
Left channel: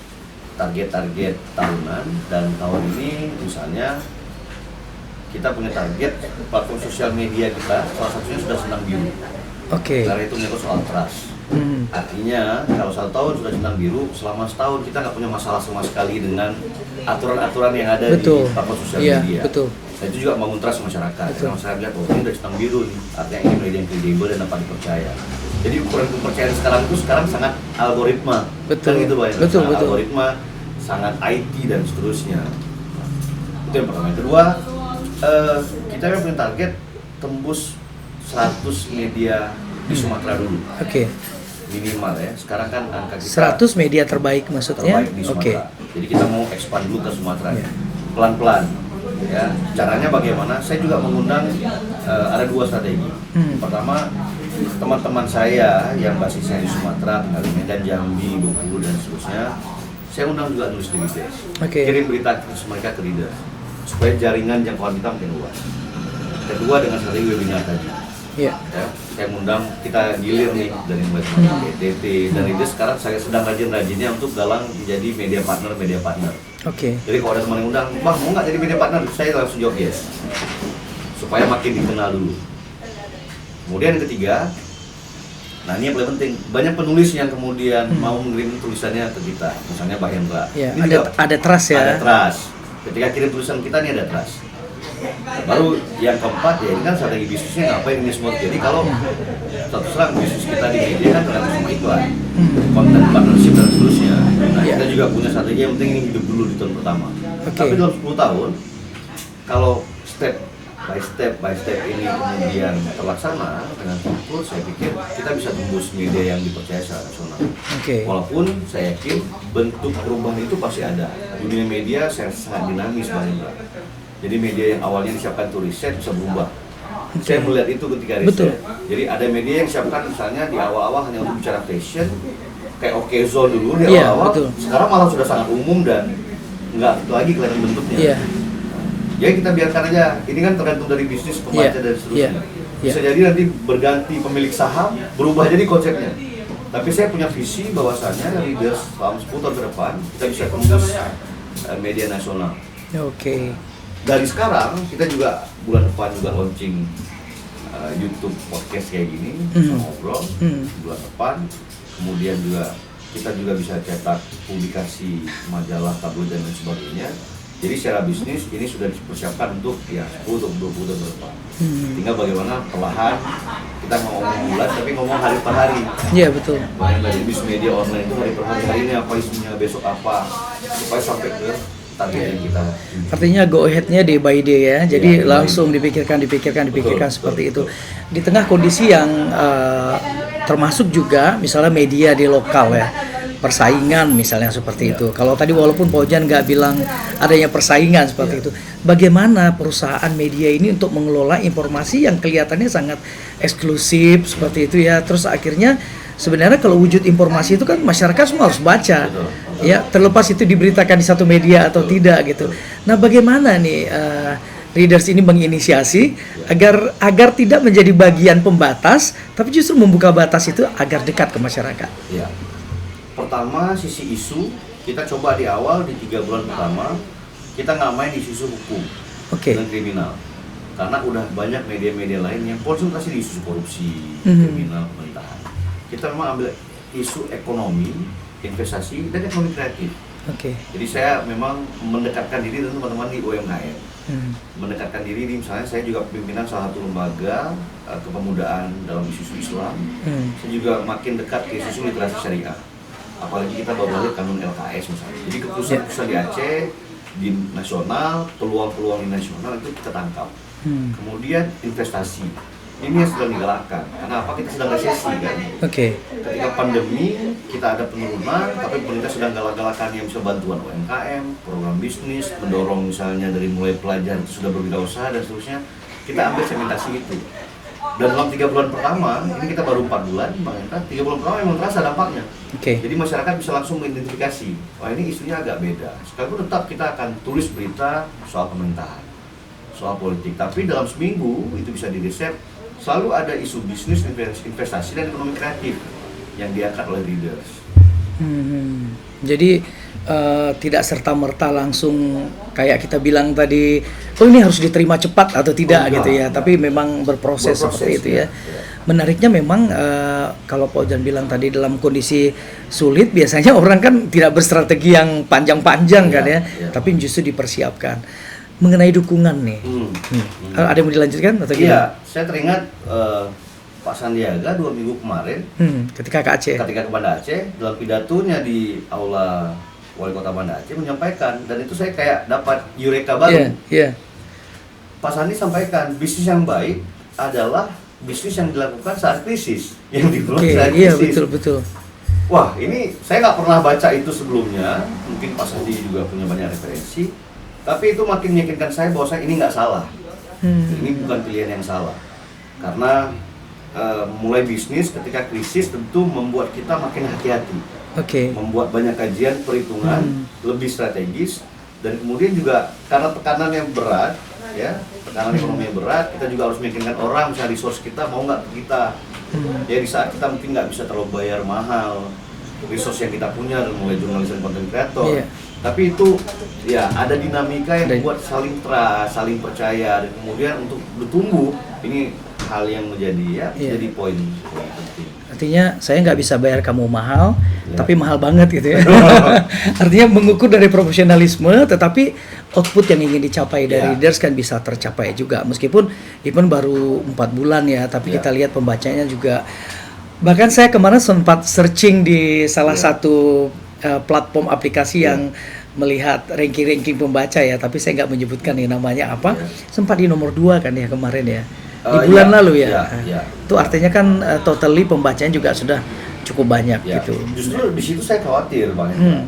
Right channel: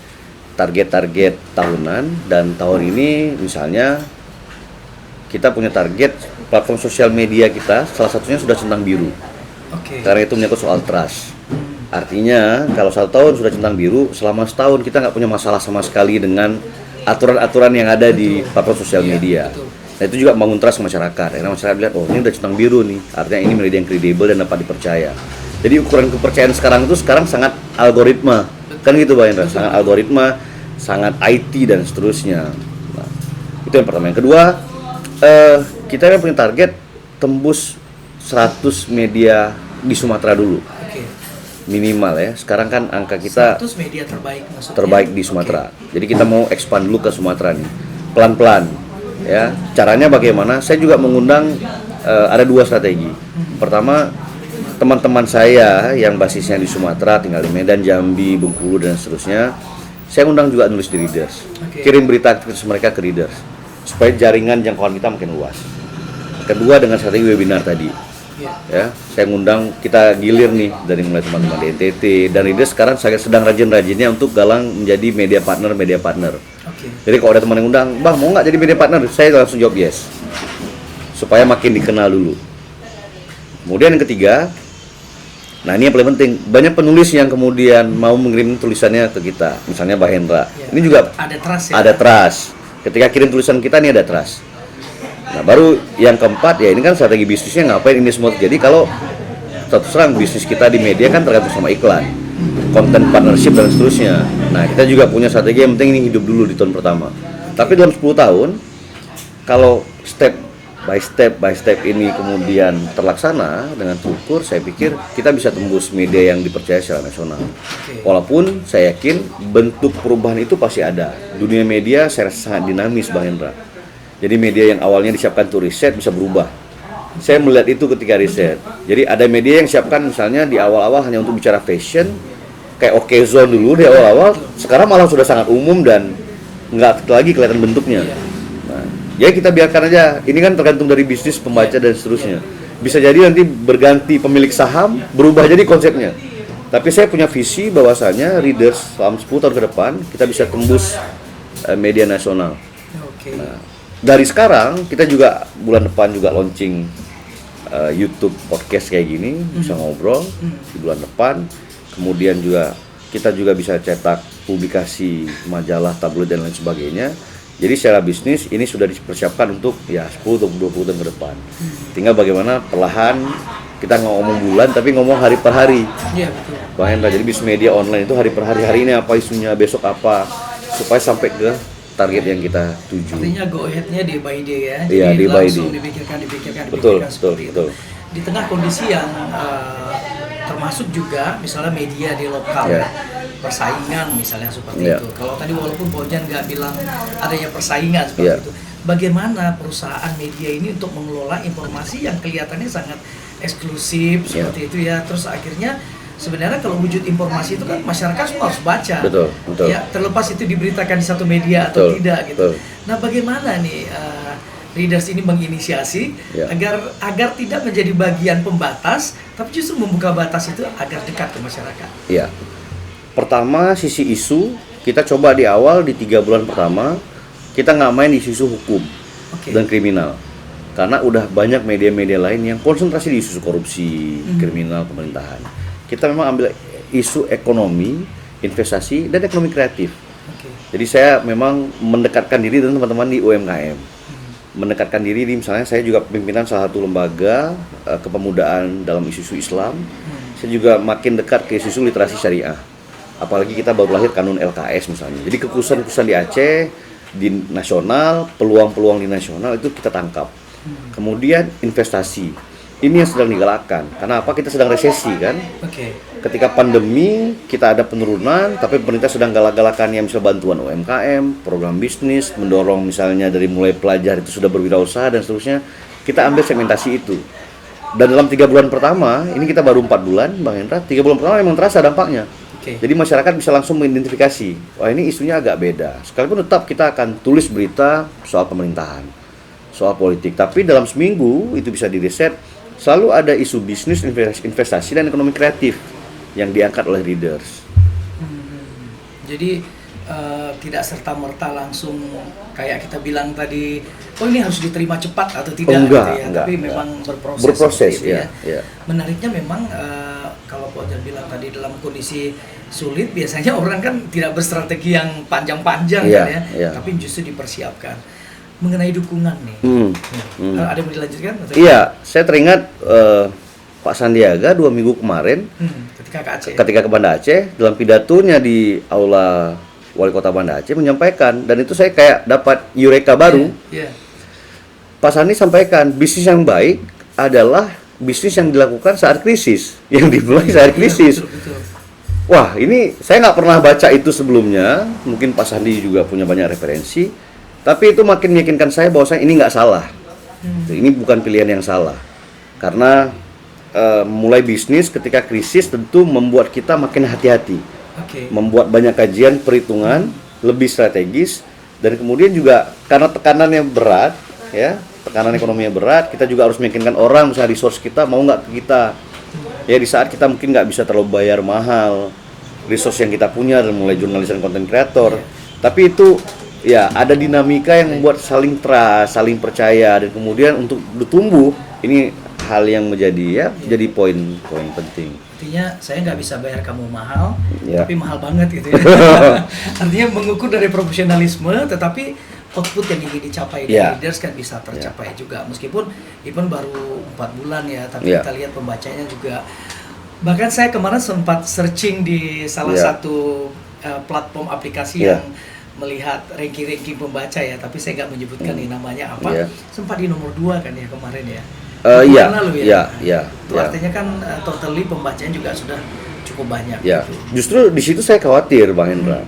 target-target tahunan, dan tahun ini misalnya kita punya target platform sosial media kita, salah satunya sudah centang biru. Karena itu menyangkut soal trust. Artinya kalau 1 tahun sudah centang biru, selama setahun kita nggak punya masalah sama sekali dengan aturan-aturan yang ada di platform sosial media. Nah itu juga membangun trust masyarakat. Karena masyarakat lihat, ini udah centang biru nih, artinya ini media yang kredibel dan dapat dipercaya. Jadi ukuran kepercayaan sekarang sangat algoritma, kan gitu Pak Hendra, sangat algoritma, sangat IT dan seterusnya. Nah, itu yang pertama. Yang kedua, kita kan punya target tembus 100 media di Sumatera dulu. Minimal ya. Sekarang kan angka kita 100 media terbaik maksudnya. Terbaik di Sumatera. Jadi kita mau expand dulu ke Sumatera nih. Pelan-pelan. Ya, caranya bagaimana? Saya juga mengundang ada 2 strategi. Pertama, teman-teman saya yang basisnya di Sumatera, tinggal di Medan, Jambi, Bengkulu dan seterusnya, saya undang juga nulis di readers. Kirim berita mereka ke readers supaya jaringan jangkauan kita makin luas. Kedua, dengan strategi webinar tadi. Ya, saya ngundang, kita gilir nih dari mulai teman-teman di NTT dan readers sekarang saya sedang rajin-rajinnya untuk galang menjadi media partner. Jadi kalau ada teman yang undang, Bang mau nggak jadi media partner? Saya langsung jawab yes, supaya makin dikenal dulu. Kemudian yang ketiga, nah ini yang paling penting, banyak penulis yang kemudian mau mengirim tulisannya ke kita, misalnya Mbak Hendra. Ini juga ada trust ya. Ada trust. Ketika kirim tulisan kita nih ada trust. Nah baru yang keempat ya ini kan strategi bisnisnya ngapain ini semua. Jadi kalau terserang bisnis kita di media kan tergantung sama iklan, konten partnership dan seterusnya. Nah kita juga punya strategi yang penting ini hidup dulu di tahun pertama. Tapi dalam 10 tahun kalau step by step ini kemudian terlaksana dengan terukur, saya pikir kita bisa tembus media yang dipercaya secara nasional. Walaupun saya yakin bentuk perubahan itu pasti ada. Dunia media saya rasa sangat dinamis Bang Hendra. Jadi media yang awalnya disiapkan untuk riset bisa berubah. Saya melihat itu ketika riset. Jadi ada media yang siapkan misalnya di awal-awal hanya untuk bicara fashion, kayak Okezone dulu di awal-awal. Sekarang malah sudah sangat umum dan nggak lagi kelihatan bentuknya. Ya kita biarkan aja, ini kan tergantung dari bisnis pembaca dan seterusnya. Bisa jadi nanti berganti pemilik saham, berubah jadi konsepnya. Tapi saya punya visi bahwasanya readers selama 10 tahun ke depan kita bisa tembus media nasional. Dari sekarang kita juga bulan depan juga launching YouTube podcast kayak gini, bisa ngobrol di bulan depan. Kemudian juga kita juga bisa cetak publikasi majalah, tabloid dan lain sebagainya. Jadi secara bisnis ini sudah dipersiapkan untuk ya 10 atau 20 tahun ke depan. Tinggal bagaimana perlahan kita ngomong bulan tapi ngomong hari per hari. Iya betul. Bang Hendra, jadi bisnis media online itu hari per hari, hari ini apa isunya, besok apa, supaya sampai ke target yang kita tuju. Artinya go ahead-nya day by day ya. Iya, Jadi day by langsung day. dipikirkan Betul, seperti betul. itu. Di tengah kondisi yang termasuk juga misalnya media di lokal ya. Persaingan misalnya seperti Iya. itu. Kalau tadi walaupun Pak Ojan nggak bilang adanya persaingan seperti Iya. itu. Bagaimana perusahaan media ini untuk mengelola informasi yang kelihatannya sangat eksklusif seperti itu ya. Terus akhirnya sebenarnya kalau wujud informasi itu kan masyarakat semua harus baca. Betul, betul. Ya, terlepas itu diberitakan di satu media atau Betul, tidak gitu. betul. Nah, bagaimana nih Readers ini menginisiasi Ya. agar tidak menjadi bagian pembatas, tapi justru membuka batas itu agar dekat ke masyarakat. Ya. Pertama, sisi isu kita coba di awal di 3 bulan pertama kita nggak main di isu hukum Oke. dan kriminal, karena udah banyak media-media lain yang konsentrasi di isu korupsi, kriminal, pemerintahan. Kita memang ambil isu ekonomi, investasi, dan ekonomi kreatif. Oke. Jadi saya memang mendekatkan diri dengan teman-teman di UMKM, mendekatkan diri di, misalnya saya juga pimpinan salah satu lembaga kepemudaan dalam isu-isu Islam. Saya juga makin dekat ke isu literasi syariah. Apalagi kita baru lahir kanun LKS misalnya. Jadi keputusan-keputusan di Aceh, di nasional, peluang-peluang di nasional itu kita tangkap. Kemudian investasi. Ini yang sedang digalakkan. Karena apa? Kita sedang resesi kan. Oke. Ketika pandemi kita ada penurunan, tapi pemerintah sedang galak-galakannya misalnya bantuan UMKM, program bisnis, mendorong misalnya dari mulai pelajar itu sudah berwirausaha dan seterusnya. Kita ambil segmentasi itu. Dan dalam 3 bulan pertama, ini kita baru 4 bulan, Bang Hendra, 3 bulan pertama memang terasa dampaknya. Oke. Jadi masyarakat bisa langsung mengidentifikasi, wah ini isunya agak beda. Sekalipun tetap kita akan tulis berita soal pemerintahan, soal politik, tapi dalam seminggu itu bisa direset, selalu ada isu bisnis, investasi, dan ekonomi kreatif yang diangkat oleh Readers. Jadi tidak serta-merta langsung kayak kita bilang tadi, oh ini harus diterima cepat atau tidak Enggak, gitu ya, enggak. tapi memang berproses seperti itu ya. ya. Menariknya memang kalau Pak Ojan bilang tadi dalam kondisi sulit biasanya orang kan tidak berstrategi yang panjang-panjang Iya, kan ya, iya. tapi justru dipersiapkan. Mengenai dukungan nih, ada yang mau dilanjutkan atau gimana? Iya, saya teringat Pak Sandiaga 2 minggu kemarin Ketika ke Aceh. ketika ke Banda Aceh, dalam pidatonya di Aula Wali Kota Banda Aceh menyampaikan, dan itu saya kayak dapat eureka baru. Iya. Pak Sandi sampaikan, bisnis yang baik adalah bisnis yang dilakukan saat krisis, yang dimulai saat krisis. Betul. Wah, ini saya nggak pernah baca itu sebelumnya. Mungkin Pak Sandi juga punya banyak referensi, tapi itu makin meyakinkan saya bahwa ini nggak salah. Ini bukan pilihan yang salah, karena mulai bisnis ketika krisis tentu membuat kita makin hati-hati. Oke. Membuat banyak kajian, perhitungan, lebih strategis, dan kemudian juga karena tekanan yang berat, ya, tekanan ekonomi yang berat, kita juga harus meyakinkan orang, misalnya resource kita mau nggak ke kita, ya di saat kita mungkin nggak bisa terlalu bayar mahal, resource yang kita punya dan mulai jurnalis dan content creator, tapi itu ya ada dinamika yang membuat saling trust, saling percaya, dan kemudian untuk bertumbuh ini hal yang menjadi jadi poin penting. Artinya saya nggak bisa bayar kamu mahal, Ya. tapi mahal banget gitu ya. Artinya mengukur dari profesionalisme, tetapi output yang ingin dicapai dari Ya. Readers kan bisa tercapai juga. Meskipun even baru 4 bulan ya, tapi Ya. kita lihat pembacanya juga. Bahkan saya kemarin sempat searching di salah Ya. satu platform aplikasi Ya. yang melihat ranking-ranking pembaca ya, tapi saya nggak menyebutkan nih namanya apa. Ya. Sempat di nomor 2 kan ya kemarin ya. Iya, Bulan lalu ya. iya. Itu artinya kan totally pembacaan juga sudah cukup banyak Ya, gitu. justru di situ saya khawatir, Bang Hendra.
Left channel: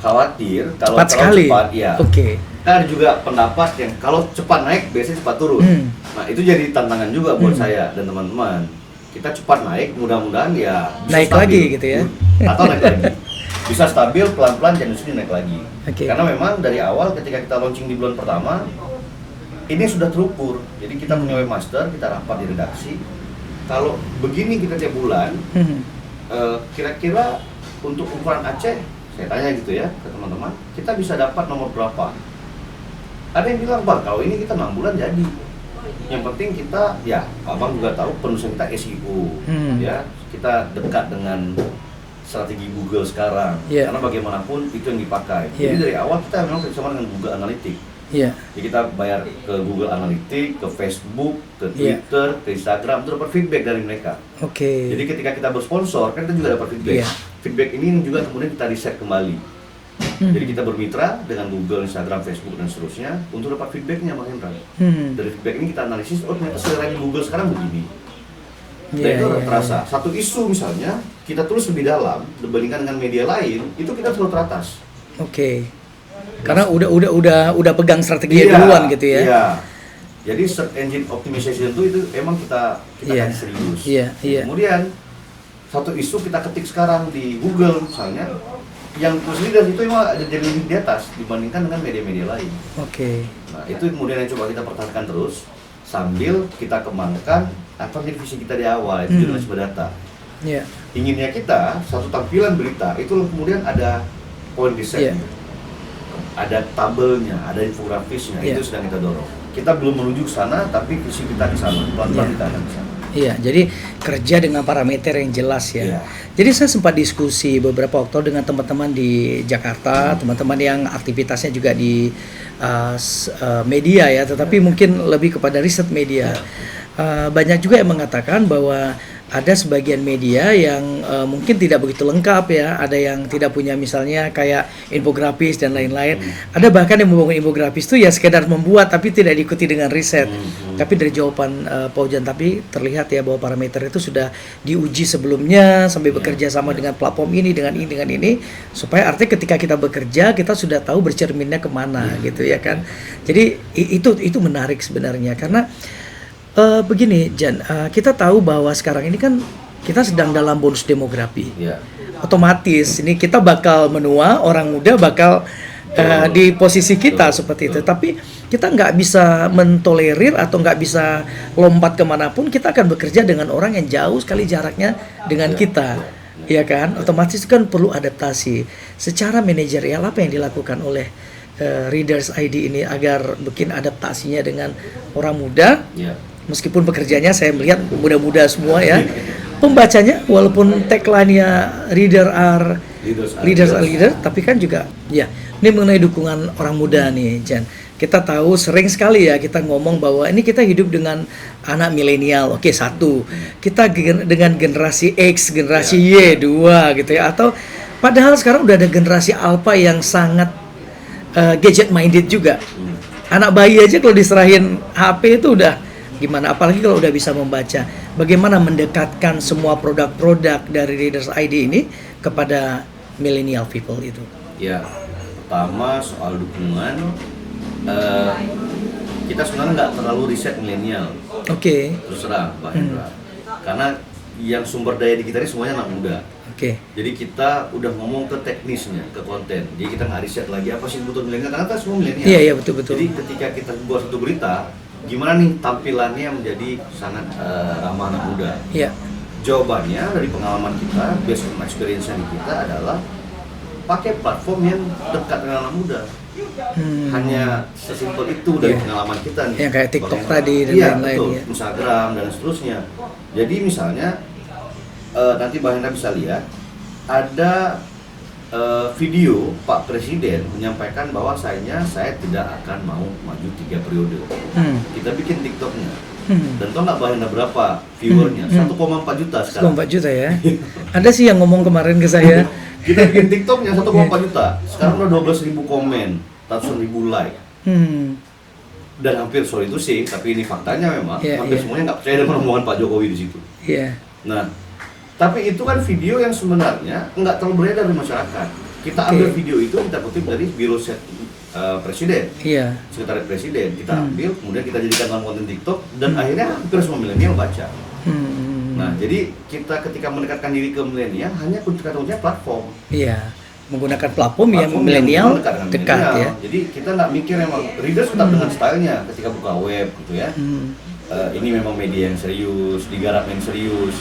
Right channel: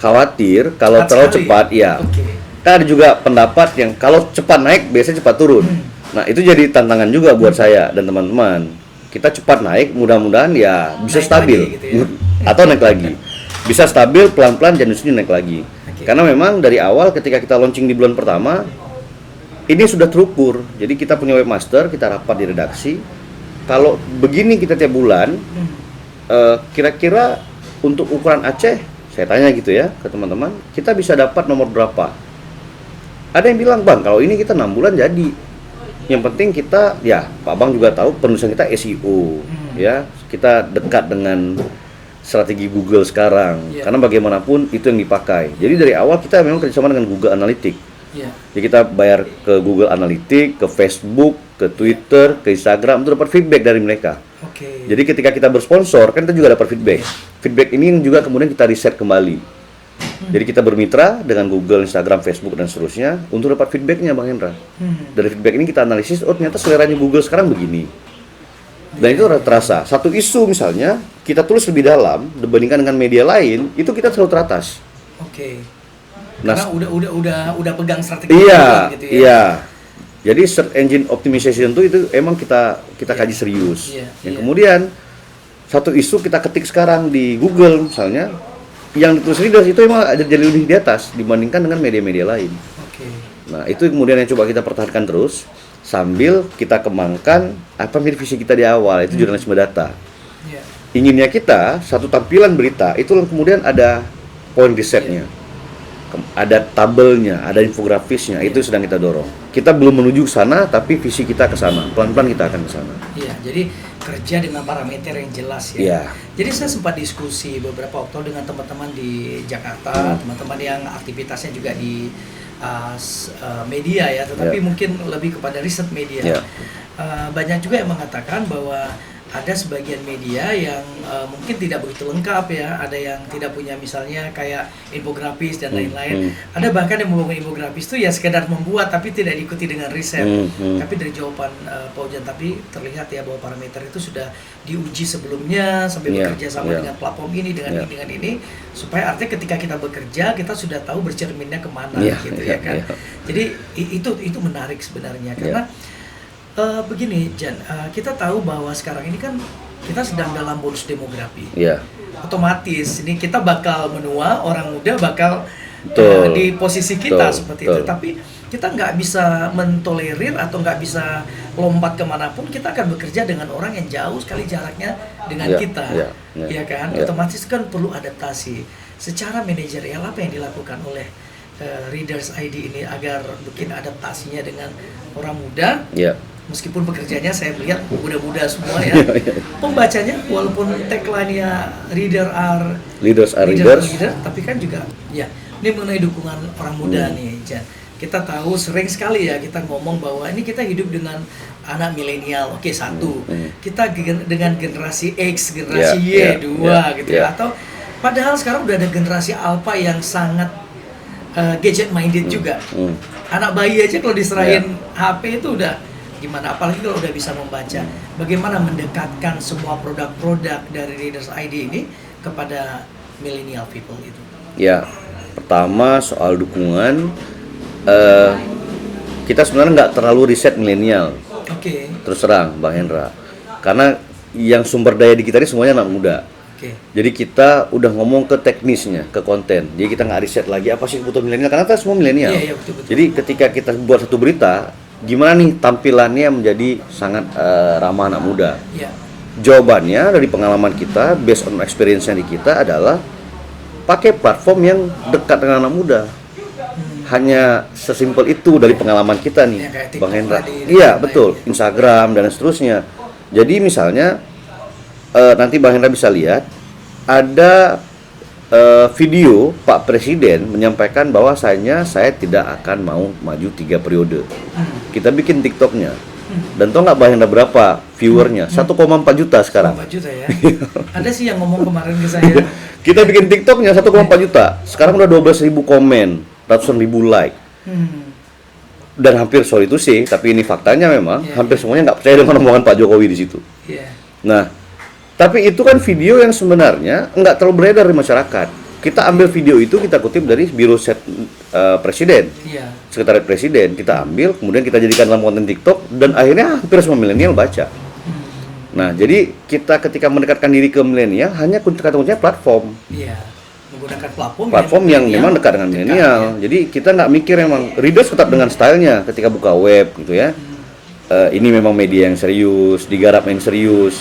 Khawatir kalau Cepat terlalu sekali cepat, ya? ya. Oke. Kan ada juga pendapat yang kalau cepat naik biasanya cepat turun. Nah, itu jadi tantangan juga buat saya dan teman-teman. Kita cepat naik, mudah-mudahan ya bisa Naik stabil lagi gitu ya. Atau naik lagi. Bisa stabil pelan-pelan dan justru naik lagi. Oke. Karena memang dari awal ketika kita launching di bulan pertama ini sudah terukur. Jadi kita punya webmaster, kita rapat di redaksi. Kalau begini kita tiap bulan, kira-kira untuk ukuran Aceh, saya tanya gitu ya ke teman-teman, kita bisa dapat nomor berapa? Ada yang bilang, Bang, kalau ini kita 6 bulan jadi. Yang penting kita, ya Pak Bang juga tahu penulisan kita SEO, ya kita dekat dengan strategi Google sekarang. Karena bagaimanapun itu yang dipakai. Jadi dari awal kita memang kerjasama dengan Google Analytics. Jadi kita bayar ke Google Analytics, ke Facebook, ke Twitter, ke Instagram, untuk dapat feedback dari mereka. Jadi ketika kita bersponsor, kan kita juga dapat feedback. Feedback ini juga kemudian kita riset kembali. Jadi kita bermitra dengan Google, Instagram, Facebook, dan seterusnya untuk dapat feedbacknya, Bang Hendra. Dari feedback ini kita analisis, oh ternyata seleranya Google sekarang begini. Dan itu terasa. Satu isu misalnya, kita tulis lebih dalam dibandingkan dengan media lain, itu kita selalu teratas. Karena udah pegang strategi duluan gitu ya. Iya. Jadi search engine optimization itu emang kita kaji serius. Kemudian satu isu kita ketik sekarang di Google misalnya, yang ditulis leaders itu emang ada jadi lebih di atas dibandingkan dengan media-media lain. Nah itu kemudian yang coba kita pertahankan terus sambil kita kembangkan apa visi kita di awal, itu jurnalisme data. Inginnya kita satu tampilan berita itu kemudian ada poin risetnya, ada tabelnya, ada infografisnya, itu sedang kita dorong. Kita belum menuju ke sana, tapi visi kita ke sana. Pelan-pelan kita akan ke sana. Jadi kerja dengan parameter yang jelas ya. Jadi saya sempat diskusi beberapa waktu dengan teman-teman di Jakarta, teman-teman yang aktivitasnya juga di media ya, tetapi mungkin lebih kepada riset media. Banyak juga yang mengatakan bahwa ada sebagian media yang mungkin tidak begitu lengkap ya, ada yang tidak punya misalnya kayak infografis dan lain-lain. Ada bahkan yang membangun infografis itu ya sekedar membuat tapi tidak diikuti dengan riset. Tapi dari jawaban Pak Ujan tapi terlihat ya bahwa parameter itu sudah diuji sebelumnya sampai bekerja sama dengan platform ini dengan ini dengan ini, supaya artinya ketika kita bekerja kita sudah tahu bercerminnya kemana gitu ya kan. Jadi itu menarik sebenarnya karena begini Jan, kita tahu bahwa sekarang ini kan kita sedang dalam bonus demografi. Otomatis ini kita bakal menua, orang muda bakal di posisi kita seperti itu. Tapi kita nggak bisa mentolerir atau nggak bisa lompat kemanapun. Kita akan bekerja dengan orang yang jauh sekali jaraknya dengan kita, ya kan? Otomatis kan perlu adaptasi. Secara manajerial apa yang dilakukan oleh Readers ID ini agar bikin adaptasinya dengan orang muda? Meskipun pekerjaannya saya melihat muda-muda semua ya. Pembacanya walaupun tagline-nya leaders are leader, tapi kan juga ini mengenai dukungan orang muda nih Jan. Kita tahu sering sekali ya kita ngomong bahwa ini kita hidup dengan anak milenial. Satu. Kita dengan generasi X, generasi Y, dua gitu ya. Atau padahal sekarang udah ada generasi Alpha yang sangat gadget minded juga. Anak bayi aja kalau diserahin HP itu udah gimana, apalagi kalau udah bisa membaca. Bagaimana mendekatkan semua produk-produk dari Readers ID ini kepada millennial people itu? Pertama soal dukungan, kita sebenarnya nggak terlalu riset milenial. Terus terang Bang Hendra, karena yang sumber daya di kita ini semuanya anak muda. Jadi kita udah ngomong ke teknisnya, ke konten. Jadi kita nggak riset lagi apa sih kebutuhan milenial, karena kita semua milenial. Betul. Jadi ketika kita buat satu berita, gimana nih tampilannya menjadi sangat ramah anak muda? Jawabannya dari pengalaman kita, based on experience-nya di kita adalah pakai platform yang dekat dengan anak muda. Hanya sesimpel itu dari pengalaman kita nih. Yang kayak TikTok tadi. Betul. Instagram dan seterusnya. Jadi misalnya nanti Bang Hendra bisa lihat ada video Pak Presiden menyampaikan bahwasanya saya tidak akan mau maju 3 periode. Kita bikin TikToknya. Dan tau nggak Bang Hendra berapa viewernya? 1,4 juta sekarang. 1,4 juta ya. Ada sih yang ngomong kemarin ke saya. Kita bikin TikToknya 1,4 juta. Sekarang udah 12.000 komen, ratusan ribu like. Dan hampir sorry itu sih, tapi ini faktanya memang hampir semuanya nggak percaya dengan omongan Pak Jokowi di situ. Nah, tapi itu kan video yang sebenarnya nggak terlalu beredar di masyarakat. Kita ambil video itu, kita kutip dari Biro Set Presiden, Sekretariat Presiden. Kita ambil, kemudian kita jadikan dalam konten TikTok, dan akhirnya hampir semua milenial baca. Nah, jadi kita ketika mendekatkan diri ke milenial, hanya kata-kuncinya platform. Menggunakan platform yang memang dekat dengan milenial. Jadi kita nggak mikir memang Readers tetap dengan stylenya ketika buka web gitu ya. Ini memang media yang serius, digarap yang serius.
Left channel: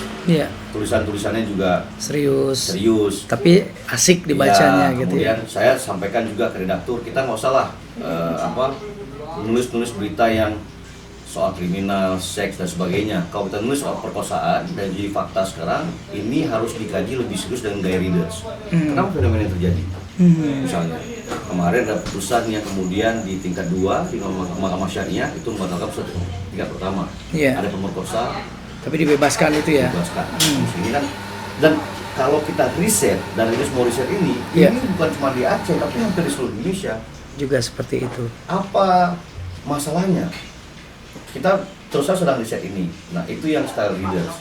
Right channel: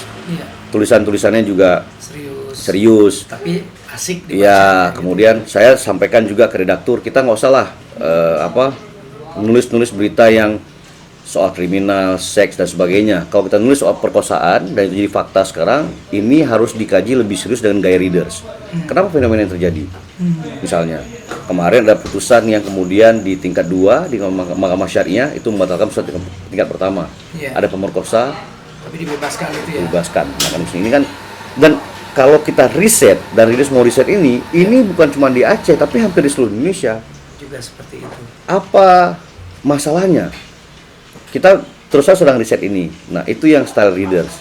Tulisan-tulisannya juga serius. Tapi asik dibacanya. Kemudian saya sampaikan juga ke redaktur, kita nggak usah lah nulis-nulis berita yang soal kriminal, seks dan sebagainya. Kalau kita nulis soal perkosaan dan jadi fakta sekarang, ini harus dikaji lebih serius dengan gaya readers. Kenapa fenomena yang terjadi? Misalnya kemarin ada putusan yang kemudian di tingkat 2 di Mahkamah Syariah itu membatalkan putusan tingkat pertama. Ada pemerkosa tapi dibebaskan itu ya. Dibebaskan. Ini kan, dan kalau kita riset dan readers mau riset ini bukan cuma di Aceh tapi hampir di seluruh Indonesia Juga seperti itu. apa masalahnya? Kita terus sedang riset ini. Nah, itu yang style readers.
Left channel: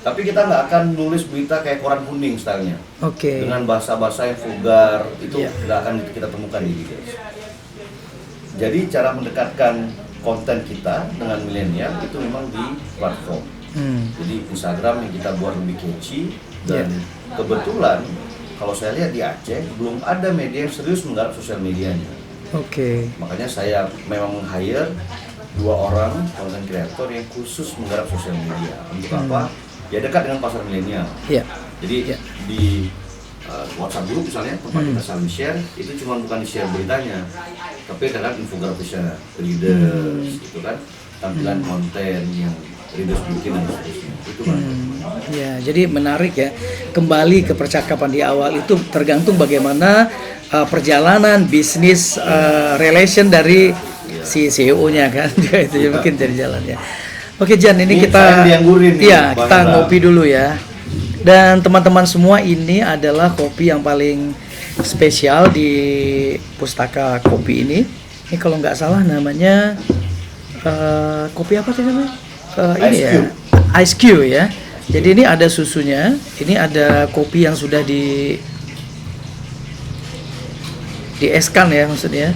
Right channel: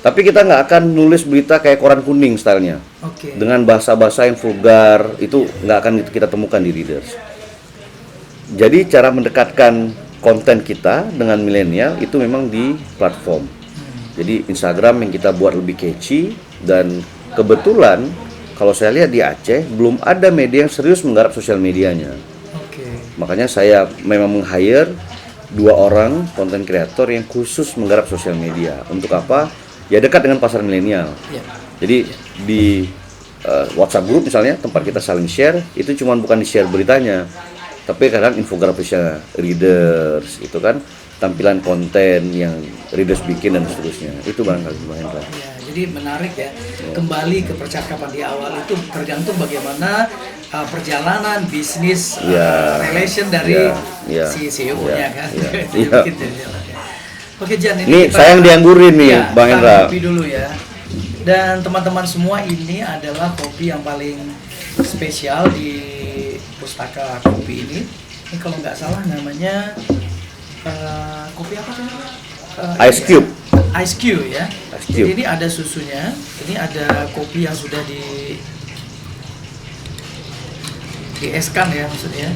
Tapi kita nggak akan nulis berita kayak koran kuning stylenya. Dengan bahasa-bahasa yang vulgar, itu nggak akan kita temukan di readers. Jadi cara mendekatkan konten kita dengan milenial itu memang di platform. Jadi Instagram yang kita buat lebih catchy, dan kebetulan kalau saya lihat di Aceh belum ada media yang serius menggarap sosial medianya. Makanya saya memang meng-hire 2 orang konten kreator yang khusus menggarap sosial media. Untuk apa? Ya dekat dengan pasar milenial. Jadi di WhatsApp group misalnya, tempat kita saling share, itu cuma bukan di-share beritanya, tapi kadang infografisnya readers, itu kan tampilan konten yang readers bikin dan seterusnya. Itu Bang. Ya, jadi menarik ya. Kembali ke percakapan di awal itu tergantung bagaimana perjalanan bisnis relation dari si CEO-nya kan. Itu mungkin jadi jalan ya. Oke Jan, ini kita sayang dianggurin nih, Bang kita Hendra. ngopi dulu ya. Dan teman-teman semua, ini adalah kopi yang paling spesial di Pustaka Kopi ini. Ini kalau nggak salah namanya kopi apa sih namanya? Ice Cube. Ice Cube ya. Jadi ini ada susunya, ini ada kopi yang sudah dieskan ya maksudnya.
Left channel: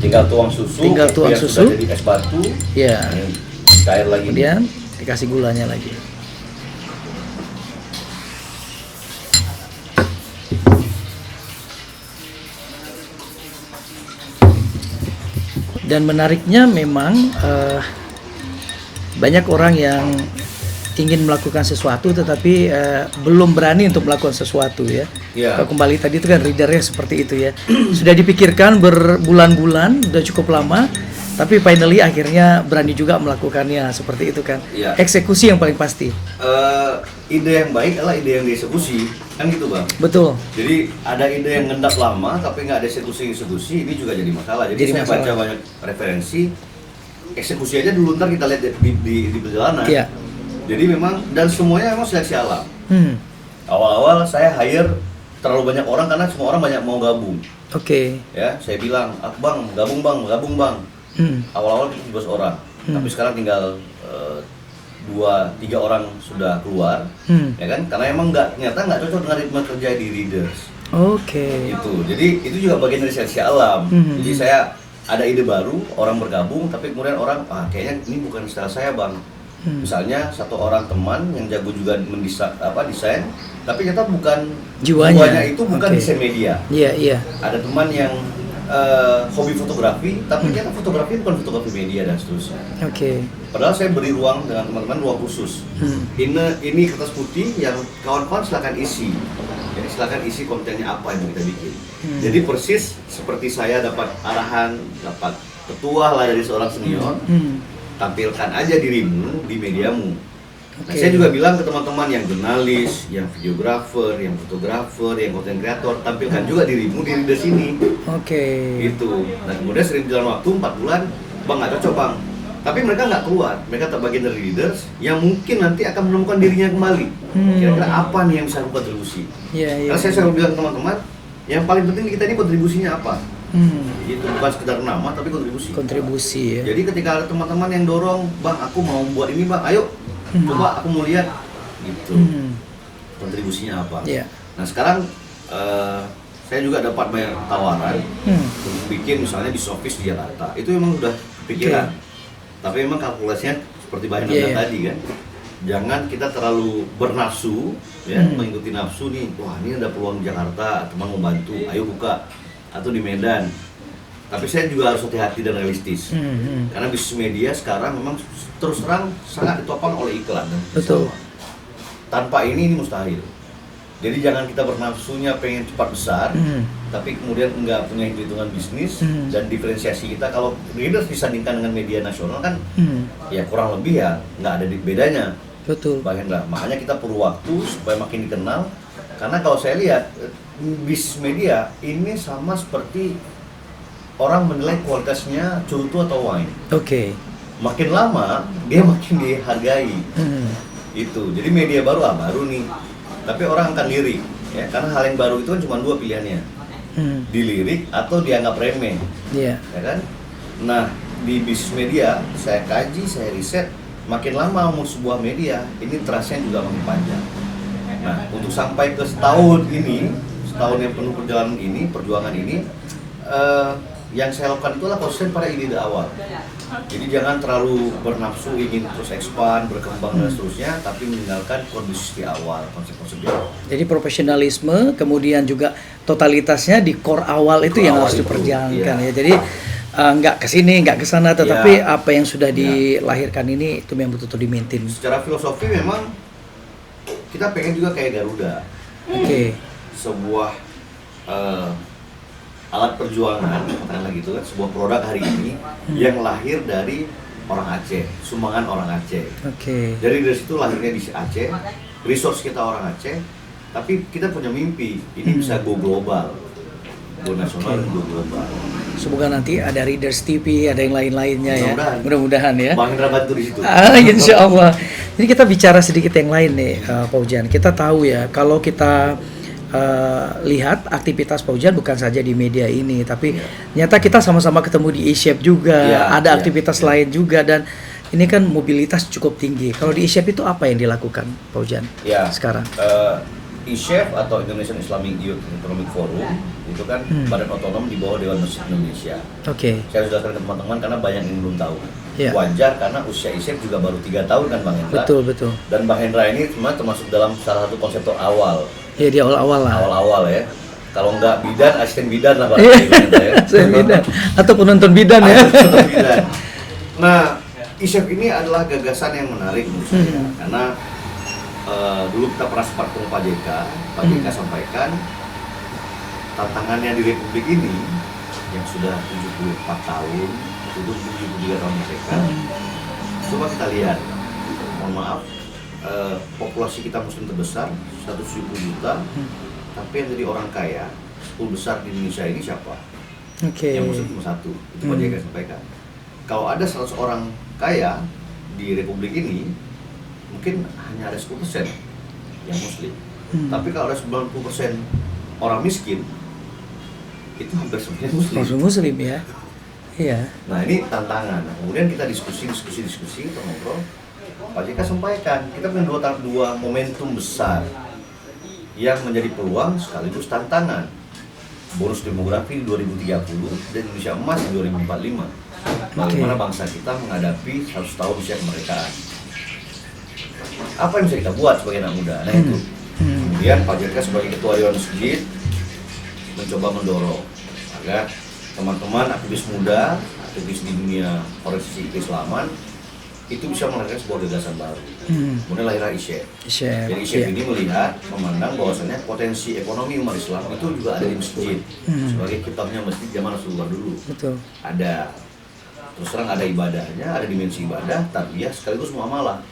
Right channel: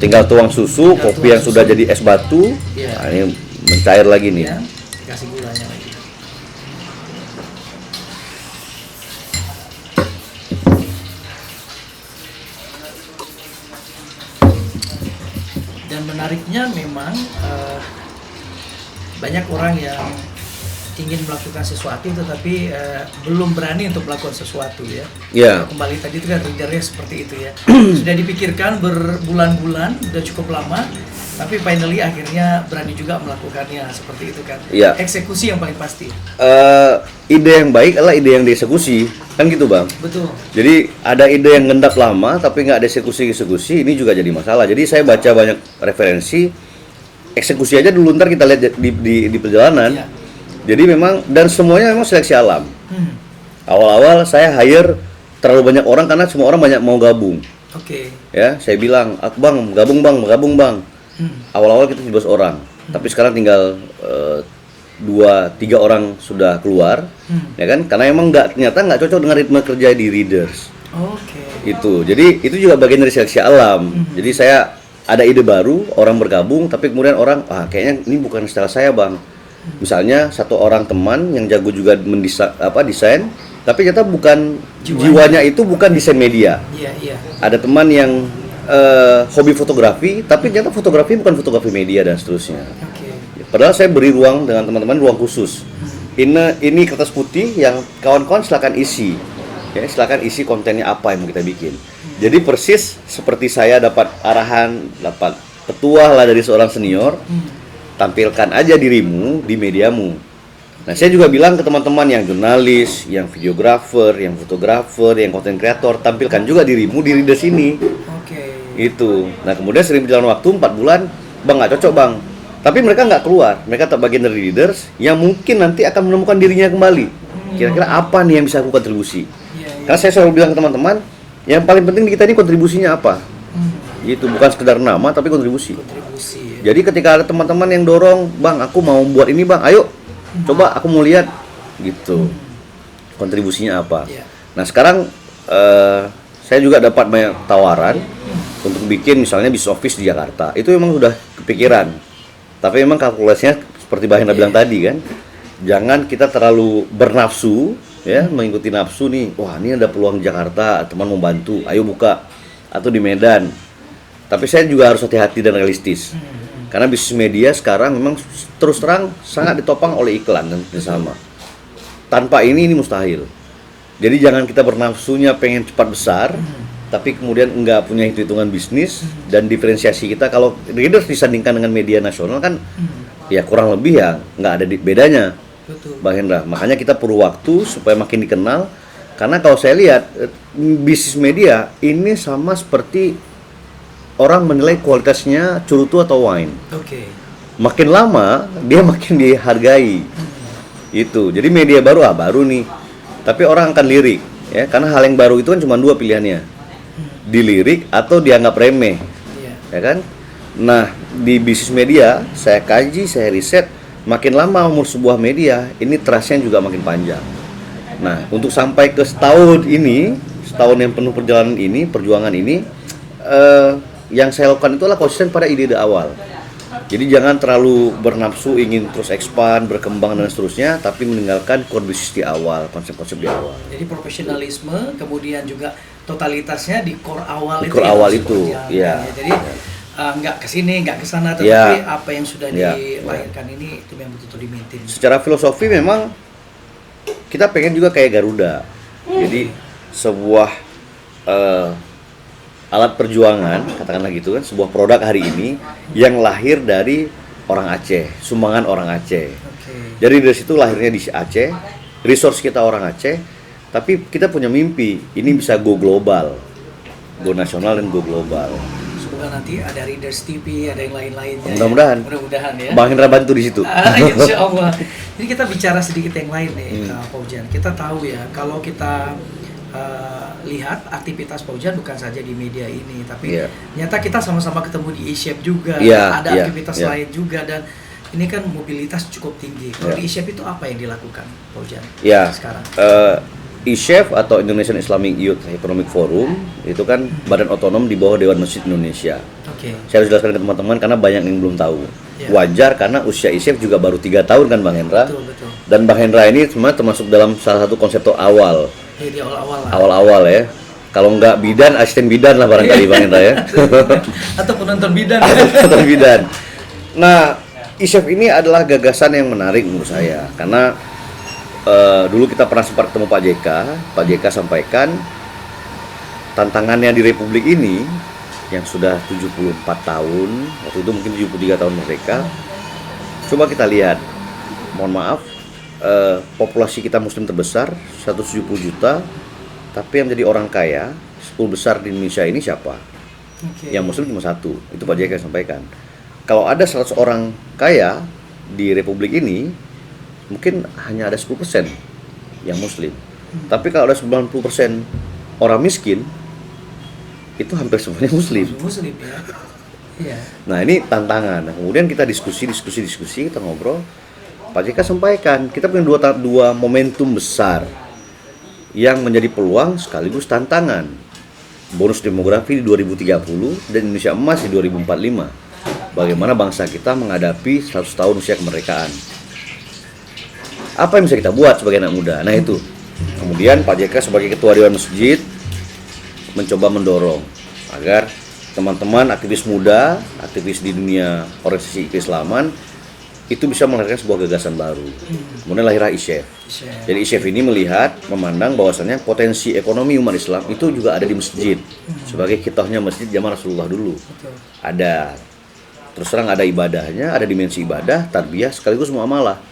Tinggal tuang susu, kopi yang sudah jadi es batu. Ya. Nah, ini mencair lagi nih. Dikasih gulanya lagi. Dan menariknya memang banyak orang yang ingin melakukan sesuatu tetapi belum berani untuk melakukan sesuatu ya. Kalau kembali tadi itu kan readernya seperti itu ya. Sudah dipikirkan berbulan-bulan, sudah cukup lama, tapi finally akhirnya berani juga melakukannya seperti itu kan. Eksekusi yang paling pasti. Ide yang baik adalah ide yang dieksekusi, kan gitu Bang. Betul. Jadi ada ide yang ngendap lama tapi nggak ada eksekusi, ini juga jadi masalah. Jadi saya baca banyak referensi, eksekusi aja dulu, ntar kita lihat di perjalanan. Jadi memang, dan semuanya memang seleksi alam. Awal-awal saya hire terlalu banyak orang karena semua orang banyak mau gabung. Ya, saya bilang, Bang, gabung bang. Awal-awal kita 17 orang, tapi sekarang tinggal 2-3 orang sudah keluar, ya kan? Karena emang ternyata nggak cocok dengan ritme kerja di readers. Itu, jadi itu juga bagian dari seleksi alam. Jadi saya ada ide baru, orang bergabung, tapi kemudian orang, kayaknya ini bukan style saya Bang. Misalnya satu orang teman yang jago juga desain, tapi ternyata bukan jiwanya itu bukan desain media. Ada teman yang hobi fotografi, tapi ternyata fotografi bukan fotografi media dan seterusnya. Padahal saya beri ruang dengan teman-teman, ruang khusus. Ini kertas putih yang kawan-kawan silakan isi. Ya, silakan isi kontennya apa yang mau kita bikin. Jadi persis seperti saya dapat arahan, dapat petuah lah dari seorang senior. Tampilkan aja dirimu di mediamu. Nah, saya juga bilang ke teman-teman yang jurnalis, yang videografer, yang fotografer, yang content creator, tampilkan juga dirimu di readers ini. Itu. Nah, kemudian sering berjalan waktu 4 bulan, Bang nggak cocok Bang. Tapi mereka nggak keluar, mereka tak bagian dari readers yang mungkin nanti akan menemukan dirinya kembali. Kira-kira apa nih yang bisa aku kontribusi? Karena saya selalu bilang ke teman-teman, yang paling penting di kita ini kontribusinya apa? Itu bukan sekedar nama tapi kontribusi ya. Jadi ketika ada teman-teman yang dorong, Bang aku mau buat ini Bang, ayo coba aku mau lihat gitu. Kontribusinya apa? Nah sekarang saya juga dapat banyak tawaran untuk bikin misalnya bisnis office di Jakarta. Itu memang sudah kepikiran. Tapi memang kalkulasinya seperti Mbak Hendra bilang tadi kan, jangan kita terlalu bernafsu ya, mengikuti nafsu nih. Wah ini ada peluang di Jakarta, teman mau bantu, ayo buka. Atau di Medan. Tapi saya juga harus hati-hati dan realistis. Karena bisnis media sekarang memang terus terang sangat ditopang oleh iklan dan sama. Tanpa ini mustahil. Jadi jangan kita bernafsunya pengen cepat besar, tapi kemudian nggak punya hitung-hitungan bisnis dan diferensiasi kita. Kalau Readers disandingkan dengan media nasional kan, ya kurang lebih ya nggak ada bedanya. Betul. Bang Hendra, makanya kita perlu waktu supaya makin dikenal. Karena kalau saya lihat bisnis media ini sama seperti orang menilai kualitasnya cerutu atau wine. Oke. Makin lama dia makin dihargai. Itu. Jadi media baru baru nih. Tapi orang akan lirik, ya, karena hal yang baru itu kan cuma 2 pilihannya, dilirik atau dianggap remeh, ya kan? Nah, di bisnis media saya kaji, saya riset, makin lama umur sebuah media ini trustnya juga makin panjang. Nah, untuk sampai ke setahun yang penuh perjuangan ini, yang saya lakukan itu adalah konsisten pada ide-ide awal. Jadi jangan terlalu bernafsu ingin terus expand, berkembang dan seterusnya, tapi meninggalkan core bisnis di awal, konsep-konsep di awal. Jadi profesionalisme, kemudian juga totalitasnya di core awal itu yang harus diperjalankan ya. Jadi nggak kesini, nggak kesana, tetapi apa yang sudah dilahirkan ini itu yang betul-betul di-maintain. Secara filosofi memang kita pengen juga kayak Garuda. Jadi sebuah alat perjuangan, katakanlah gitu kan, sebuah produk hari ini yang lahir dari orang Aceh, sumbangan orang Aceh. Jadi dari situ lahirnya di Aceh, resource kita orang Aceh, tapi kita punya mimpi, ini bisa go global, go nasional dan go global. Semoga nanti ada Readers TV, ada yang lain-lainnya. Mudah-mudahan ya. Bang Hendra bantu di situ. Insya Allah. Ini kita bicara sedikit yang lain nih, Pak Ujan. Kita tahu ya, kalau kita lihat aktivitas Pak Ujan bukan saja di media ini, tapi nyata kita sama-sama ketemu di eShape juga, ada aktivitas lain juga, dan ini kan mobilitas cukup tinggi. Kalau di eShape itu apa yang dilakukan Pak Ujan sekarang? eShape atau Indonesian Islamic Youth Economic Forum itu kan badan otonom di bawah Dewan Masjid Indonesia. Saya harus jelaskan ke teman-teman karena banyak yang belum tahu. Wajar karena usia eShape juga baru 3 tahun kan Bang Hendra. Betul. Dan Bang Hendra ini sebenarnya termasuk dalam salah satu konseptor awal. Di awal-awal lah. Awal-awal ya. Kalau nggak bidan, asisten bidan lah barangkali Bang Hendra ya. Atau penonton bidan ya. Penonton bidan. Nah, eShape ini adalah gagasan yang menarik menurut saya karena dulu kita pernah sempat ketemu Pak JK. Pak JK sampaikan tantangannya di Republik ini yang sudah 74 tahun, waktu itu mungkin 73 tahun merdeka. Coba kita lihat, mohon maaf, populasi kita muslim terbesar 170 juta, tapi yang menjadi orang kaya 10 besar di Indonesia ini siapa? Yang muslim cuma 1, itu Pak JK sampaikan. Kalau ada 100 orang kaya di Republik ini, mungkin hanya ada 10% yang muslim. Tapi kalau ada 90% orang miskin, itu hampir semuanya muslim. Muslim ya. Iya. Nah, ini tantangan. Nah, kemudian kita diskusi, kita ngobrol. Pak JK sampaikan, kita punya dua momentum besar yang menjadi peluang sekaligus tantangan. Bonus demografi di 2030 dan Indonesia emas di 2045. Bagaimana bangsa kita menghadapi 100 tahun usia kemerdekaan. Apa yang bisa kita buat sebagai anak muda? Nah itu. Kemudian Pak JK sebagai ketua Dewan Masjid mencoba mendorong agar teman-teman aktivis muda, aktivis di dunia organisasi keislaman itu bisa melahirkan sebuah gagasan baru. Kemudian lahirlah eShape. Jadi eShape ini memandang bahwasannya potensi ekonomi umat Islam itu juga ada di masjid. Sebagai kitahnya masjid zaman Rasulullah dulu. Ada. Terus terang ada ibadahnya, ada dimensi ibadah, tarbiyah sekaligus muamalah.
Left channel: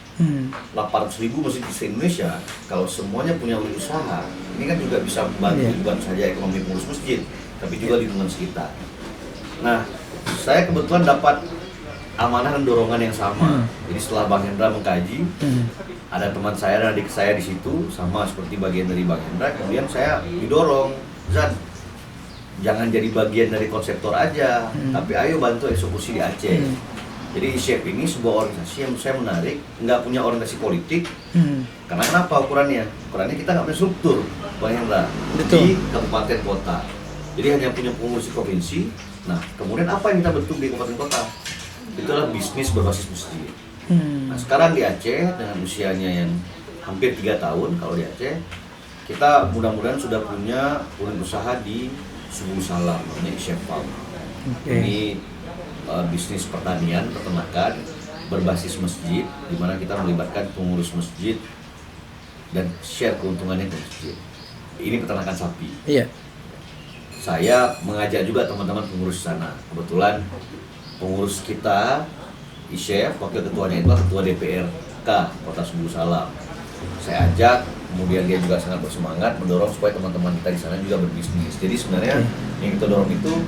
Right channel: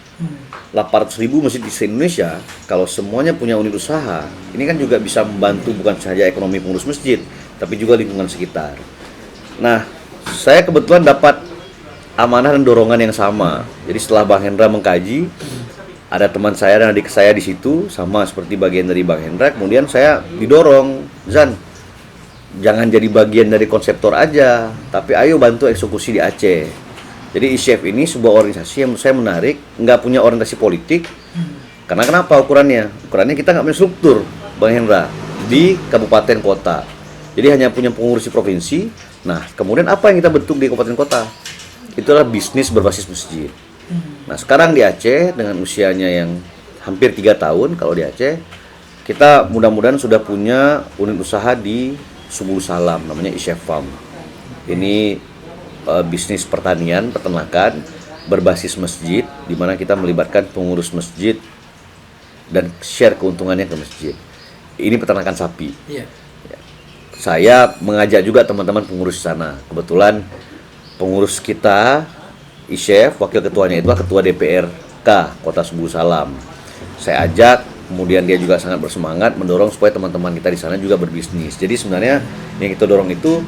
800.000 masjid di Indonesia, kalau semuanya punya unit usaha, ini kan juga bisa membantu bukan saja ekonomi pengurus masjid, tapi juga lingkungan sekitar. Nah, saya kebetulan dapat amanah dan dorongan yang sama. Jadi setelah Bang Hendra mengkaji, ada teman saya dan adik saya di situ, sama seperti bagian dari Bang Hendra. Kemudian saya didorong, Zan, jangan jadi bagian dari konseptor aja, tapi ayo bantu eksekusi di Aceh. Jadi eShape ini sebuah organisasi yang saya menarik, nggak punya orientasi politik. Karena kenapa ukurannya? Ukurannya kita nggak punya struktur, Bang Hendra, di kabupaten kota. Jadi hanya punya pengurus di provinsi. Nah, kemudian apa yang kita bentuk di kabupaten kota? Itu adalah bisnis berbasis masjid. Nah, sekarang di Aceh dengan usianya yang hampir 3 tahun, kalau di Aceh, kita mudah-mudahan sudah punya unit usaha di Subul Salam, namanya eShape Farm. Ini bisnis pertanian, peternakan berbasis masjid, di mana kita melibatkan pengurus masjid dan share keuntungannya ke masjid. ini peternakan sapi. Iya. Saya mengajak juga teman-teman pengurus sana. Kebetulan pengurus kita, Isyef, wakil ketuanya itu ketua DPRK Kota Subuh Salam. Saya ajak, kemudian dia juga sangat bersemangat mendorong supaya teman-teman kita di sana juga berbisnis. Jadi sebenarnya yang kita dorong itu,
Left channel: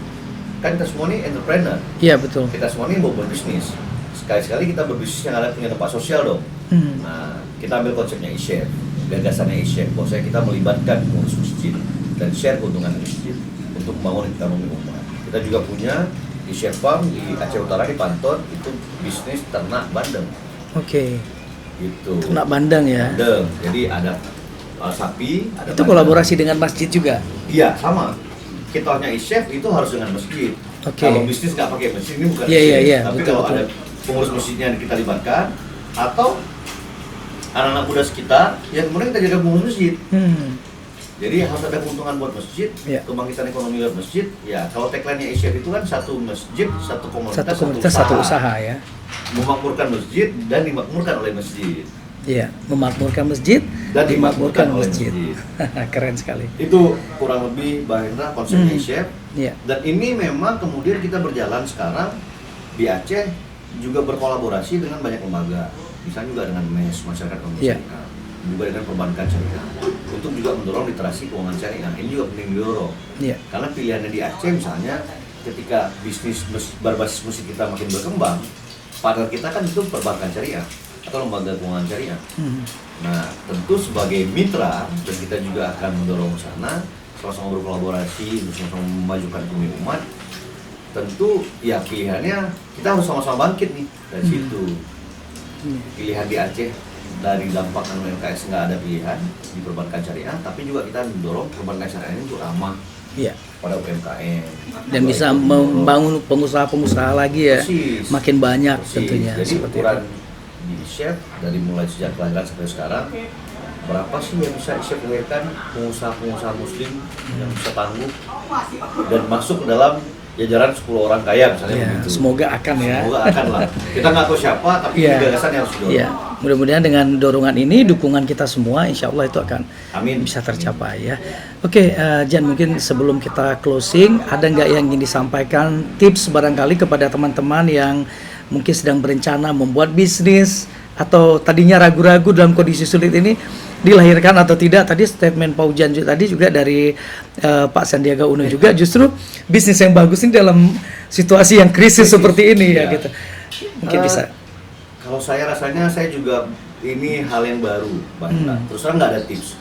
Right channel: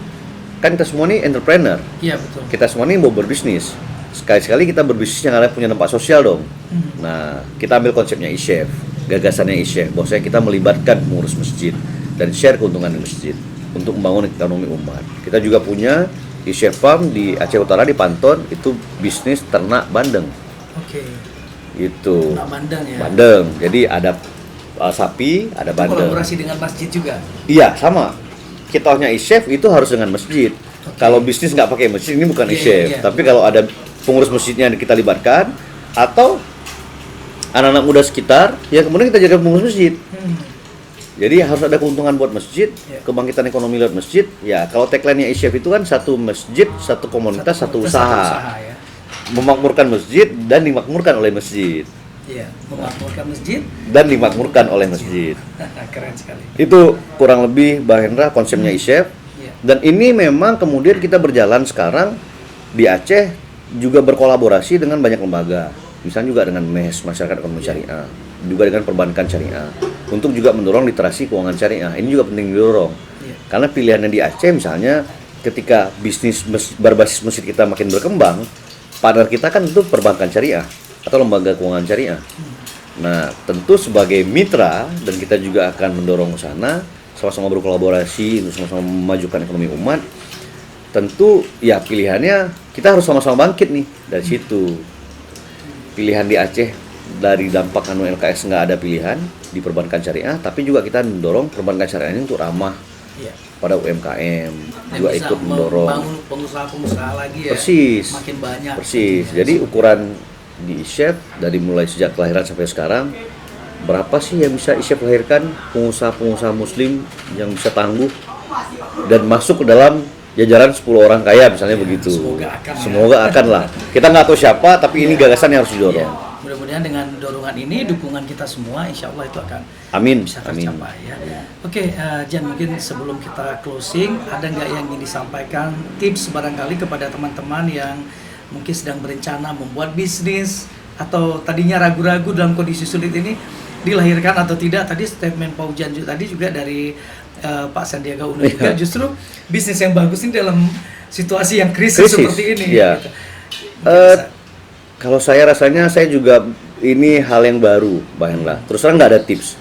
kan kita semua ini entrepreneur. Iya, betul. Kita semua ini mau berbisnis. Sekali-sekali kita berbisnis yang ada punya tempat sosial dong. Nah, kita ambil konsepnya Isyef, gagasannya Isyef, bahwasanya kita melibatkan pengurus masjid dan share keuntungan di masjid untuk membangun ekonomi umat. Kita juga punya Isyef Farm di Aceh Utara di Panton, itu bisnis ternak bandeng. Oke. Itu. Ternak bandeng ya. Bandeng. Jadi ada sapi, ada Itu bandeng. kolaborasi dengan masjid juga. Iya, sama. Kitahnya Isyef itu harus dengan masjid. Kalau bisnis nggak pakai masjid, ini bukan Isyef. Tapi betul, kalau ada pengurus masjidnya yang kita libatkan, atau anak-anak muda sekitar, ya kemudian kita jadi pengurus masjid. Jadi harus ada keuntungan buat masjid, kebangkitan ekonomi lewat masjid. Ya, kalau tagline-nya Isyef itu kan satu masjid, satu komunitas, satu usaha ya. Memakmurkan masjid dan dimakmurkan oleh masjid. Iya, memakmurkan masjid dan dimakmurkan oleh masjid. Keren sekali. Itu kurang lebih Mbak Hendra konsepnya Isyef. Iya. Dan ini memang kemudian kita berjalan sekarang di Aceh juga berkolaborasi dengan banyak lembaga. Misalnya juga dengan MES, Masyarakat Ekonomi Syariah, juga dengan perbankan syariah, untuk juga mendorong literasi keuangan syariah. Ini juga penting didorong. Karena pilihannya di Aceh misalnya ketika bisnis berbasis masjid kita makin berkembang, partner kita kan itu perbankan syariah atau lembaga keuangan syariah. Nah, tentu sebagai mitra dan kita juga akan mendorong ke sana, sama-sama berkolaborasi untuk sama-sama memajukan ekonomi umat. Tentu ya pilihannya kita harus sama-sama bangkit nih dari situ. Pilihan di Aceh dari dampak LKS nggak ada pilihan di perbankan syariah, tapi juga kita mendorong perbankan syariah ini untuk ramah pada UMKM dan bisa membangun pengusaha-pengusaha lagi ya. Persis. Makin banyak. Persis. Jadi ukuran di Isyef dari mulai sejak kelahiran sampai sekarang, berapa sih yang bisa Isyef lahirkan pengusaha-pengusaha muslim yang bisa tangguh dan masuk ke dalam jajaran 10 orang kaya misalnya begitu. Semoga akan lah. Kita nggak tahu siapa, tapi ini gagasan yang harus didorong. Mudah-mudahan dengan dorongan ini, dukungan kita semua, insya Allah itu akan bisa tercapai ya. Oke, Jan, mungkin sebelum kita closing, ada nggak yang ingin disampaikan tips barangkali kepada teman-teman yang mungkin sedang berencana membuat bisnis atau tadinya ragu-ragu dalam kondisi sulit ini, dilahirkan atau tidak? Tadi statement Pak Ujan tadi juga dari Pak Sandiaga Uno juga, justru bisnis yang bagus ini dalam situasi yang krisis seperti ini gitu. Mungkin bisa. Kalau saya rasanya saya juga ini hal yang baru, Mbak Hendra. Terus terang nggak ada tips.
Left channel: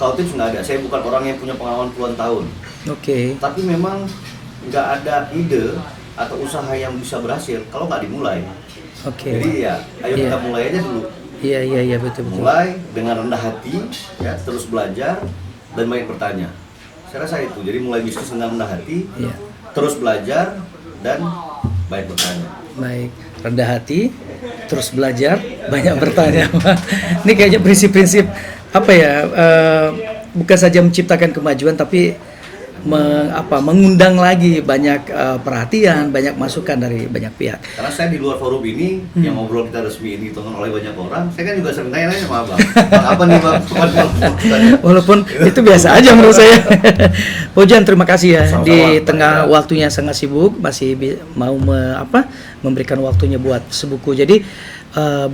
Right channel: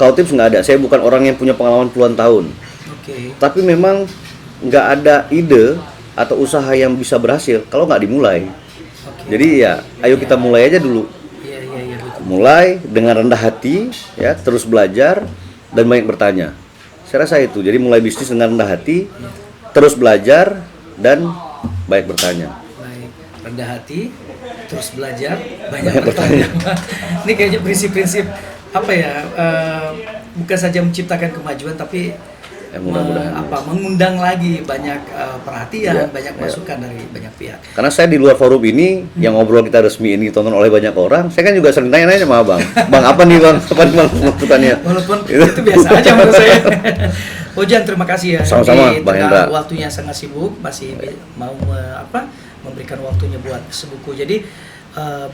Kalau tips nggak ada. Saya bukan orang yang punya pengalaman puluhan tahun. Tapi memang nggak ada ide atau usaha yang bisa berhasil kalau nggak dimulai. Jadi ya, ayo kita mulai aja dulu. Iya betul. Mulai dengan rendah hati, ya, terus belajar dan banyak bertanya. Saya rasa itu. Jadi mulai bisnis dengan rendah hati, terus belajar dan banyak bertanya. Baik, rendah hati, terus belajar, banyak bertanya. Ini kayaknya prinsip-prinsip apa ya? Bukan saja menciptakan kemajuan, tapi mengundang lagi banyak perhatian, banyak masukan dari banyak pihak. Karena saya di luar forum ini, yang ngobrol kita resmi ini ditonton oleh banyak orang, saya kan juga sering tanya-tanya sama Abang. Bang, apa nih Bang? Walaupun itu biasa aja menurut saya. Ojan, terima kasih ya. Sama-sama, di tengah waktunya sangat sibuk, masih mau memberikan waktunya buat sebuku. Jadi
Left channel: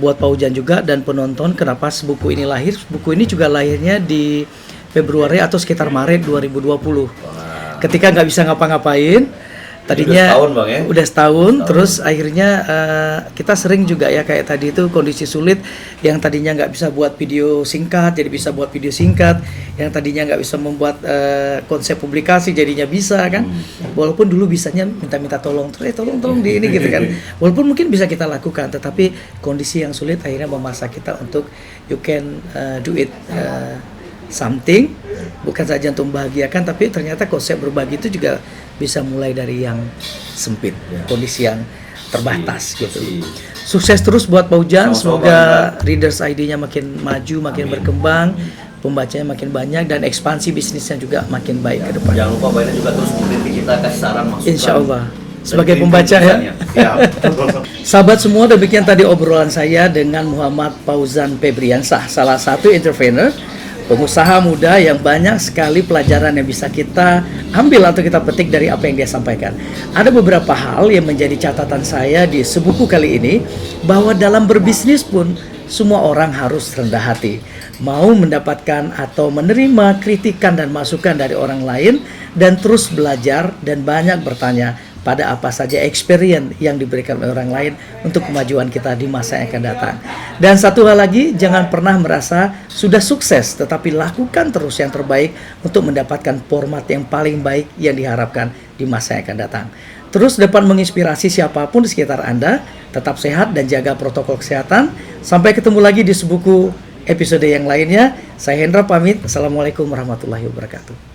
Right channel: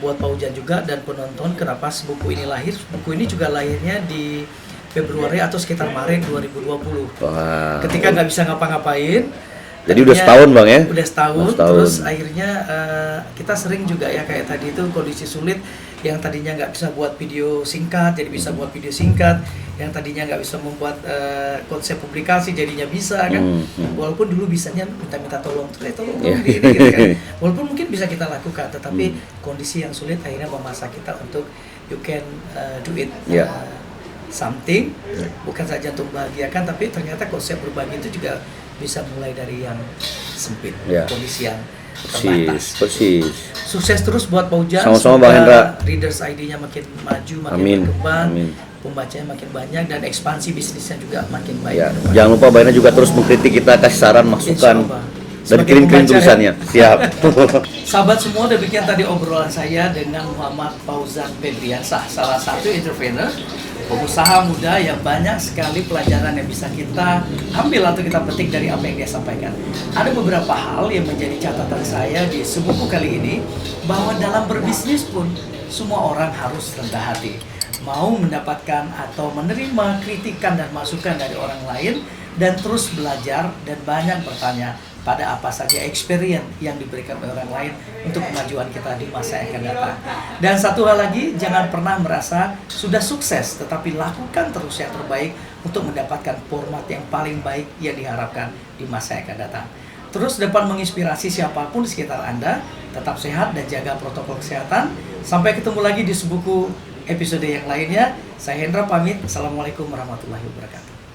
buat Pak Ujan juga dan penonton, kenapa sebuku ini lahir? Sebuku ini juga lahirnya di Februari atau sekitar Maret 2020. Ketika nggak bisa ngapa-ngapain, jadi udah setahun Bang ya? Udah setahun. Terus akhirnya kita sering juga ya kayak tadi itu kondisi sulit, yang tadinya nggak bisa buat video singkat jadi bisa buat video singkat, yang tadinya nggak bisa membuat konsep publikasi jadinya bisa kan. Walaupun dulu bisanya minta-minta tolong di ini gitu kan. Walaupun mungkin bisa kita lakukan, tetapi kondisi yang sulit akhirnya memaksa kita untuk you can do it. Something, bukan saja untuk membahagiakan, tapi ternyata konsep berbagi itu juga bisa mulai dari yang sempit, kondisi yang terbatas. Sukses terus buat Pak Ujan, semoga Readers ID-nya makin maju, makin berkembang, pembacanya makin banyak, dan ekspansi bisnisnya juga makin baik ke depan. Jangan lupa Mbak Hendra juga terus mengkritik kita, kasih saran, masukan. Insya Allah. Sebagai pembaca siap. Sahabat semua, demikian tadi obrolan saya dengan Muhammad Fauzan Febriansah, salah satu entrepreneur pengusaha muda yang banyak sekali pelajaran yang bisa kita ambil atau kita petik dari apa yang dia sampaikan. Ada beberapa hal yang menjadi catatan saya di sebuku kali ini, bahwa dalam berbisnis pun semua orang harus rendah hati, mau mendapatkan atau menerima kritikan dan masukan dari orang lain, dan terus belajar dan banyak bertanya pada apa saja experience yang diberikan oleh orang lain untuk kemajuan kita di masa yang akan datang. Dan satu hal lagi, jangan pernah merasa sudah sukses, tetapi lakukan terus yang terbaik untuk mendapatkan format yang paling baik yang diharapkan di masa yang akan datang. Terus dapat menginspirasi siapapun di sekitar Anda, tetap sehat dan jaga protokol kesehatan. Sampai ketemu lagi di sebuku episode yang lainnya. Saya Hendra pamit. Assalamualaikum warahmatullahi wabarakatuh.